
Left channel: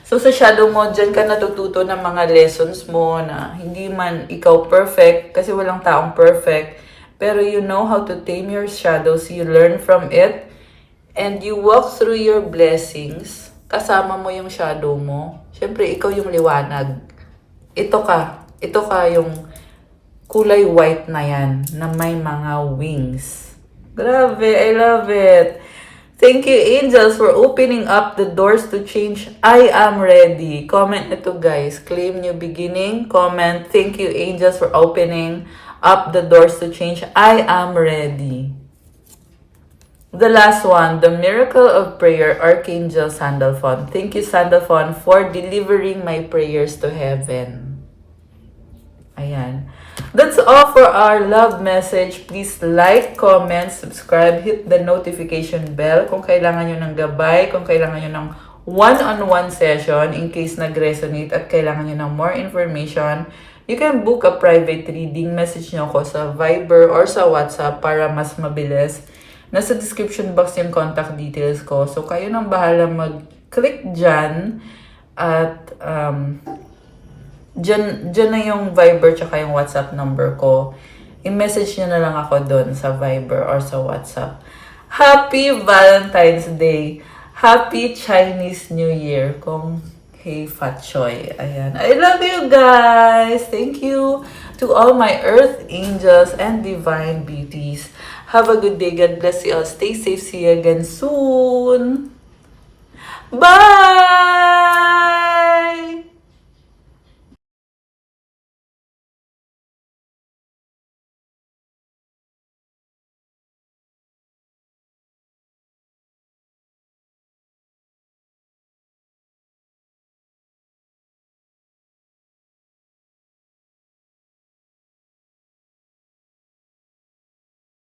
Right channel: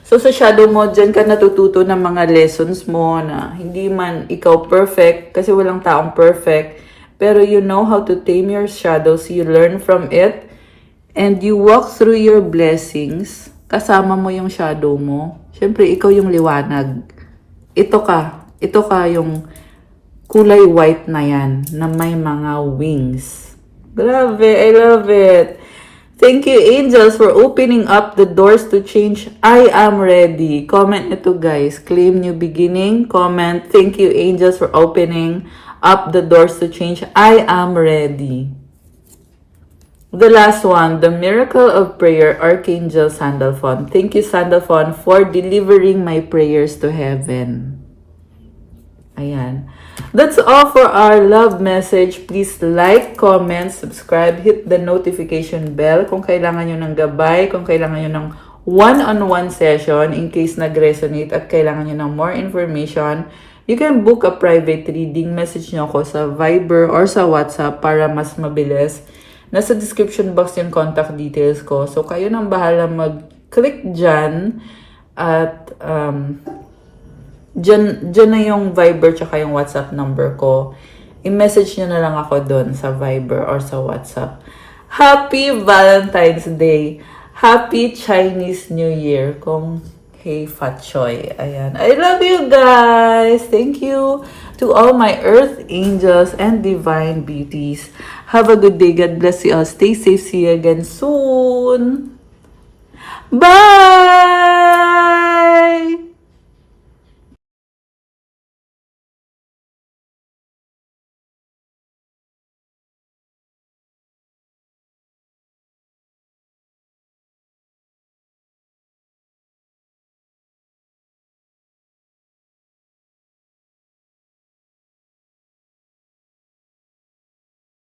So, sa shadow mo, dyan ka natututo ng mga lessons mo na hindi man ikaw perfect, kasi walang taong perfect, pero you know how to tame your shadows, you learn from it, and you walk through your blessings, kasama mo yung shadow mo. Siyempre, ikaw yung liwanag. Ito ka yung kulay white na yan, na may mga wings. Grabe, I love it. Thank you, angels, for opening up the doors to change. I am ready. Comment ito, guys. Claim new beginning. Comment, thank you, angels, for opening up the doors to change. I am ready. The last one, the miracle of prayer, Archangel Sandalphon. Thank you, Sandalphon, for delivering my prayers to heaven. Ayan. That's all for our love message. Please like, comment, subscribe, hit the notification bell kung kailangan nyo ng gabay, kung kailangan nyo ng one-on-one session in case nag-resonate at kailangan nyo ng more information. You can book a private reading. Message nyo ako sa Viber or sa WhatsApp para mas mabilis. Nasa description box yung contact details ko. So, kayo nang bahala mag-click dyan. At, dyan na yung Viber tsaka yung WhatsApp number ko. I-message nyo na lang ako doon sa Viber or sa WhatsApp. Happy Valentine's Day! Happy Chinese New Year! Kung hey Fat Choy. Ayan. I love you guys! Thank you to all my earth angels and divine beauties. Have a good day. God bless you all. Stay safe. See you again soon. Bye!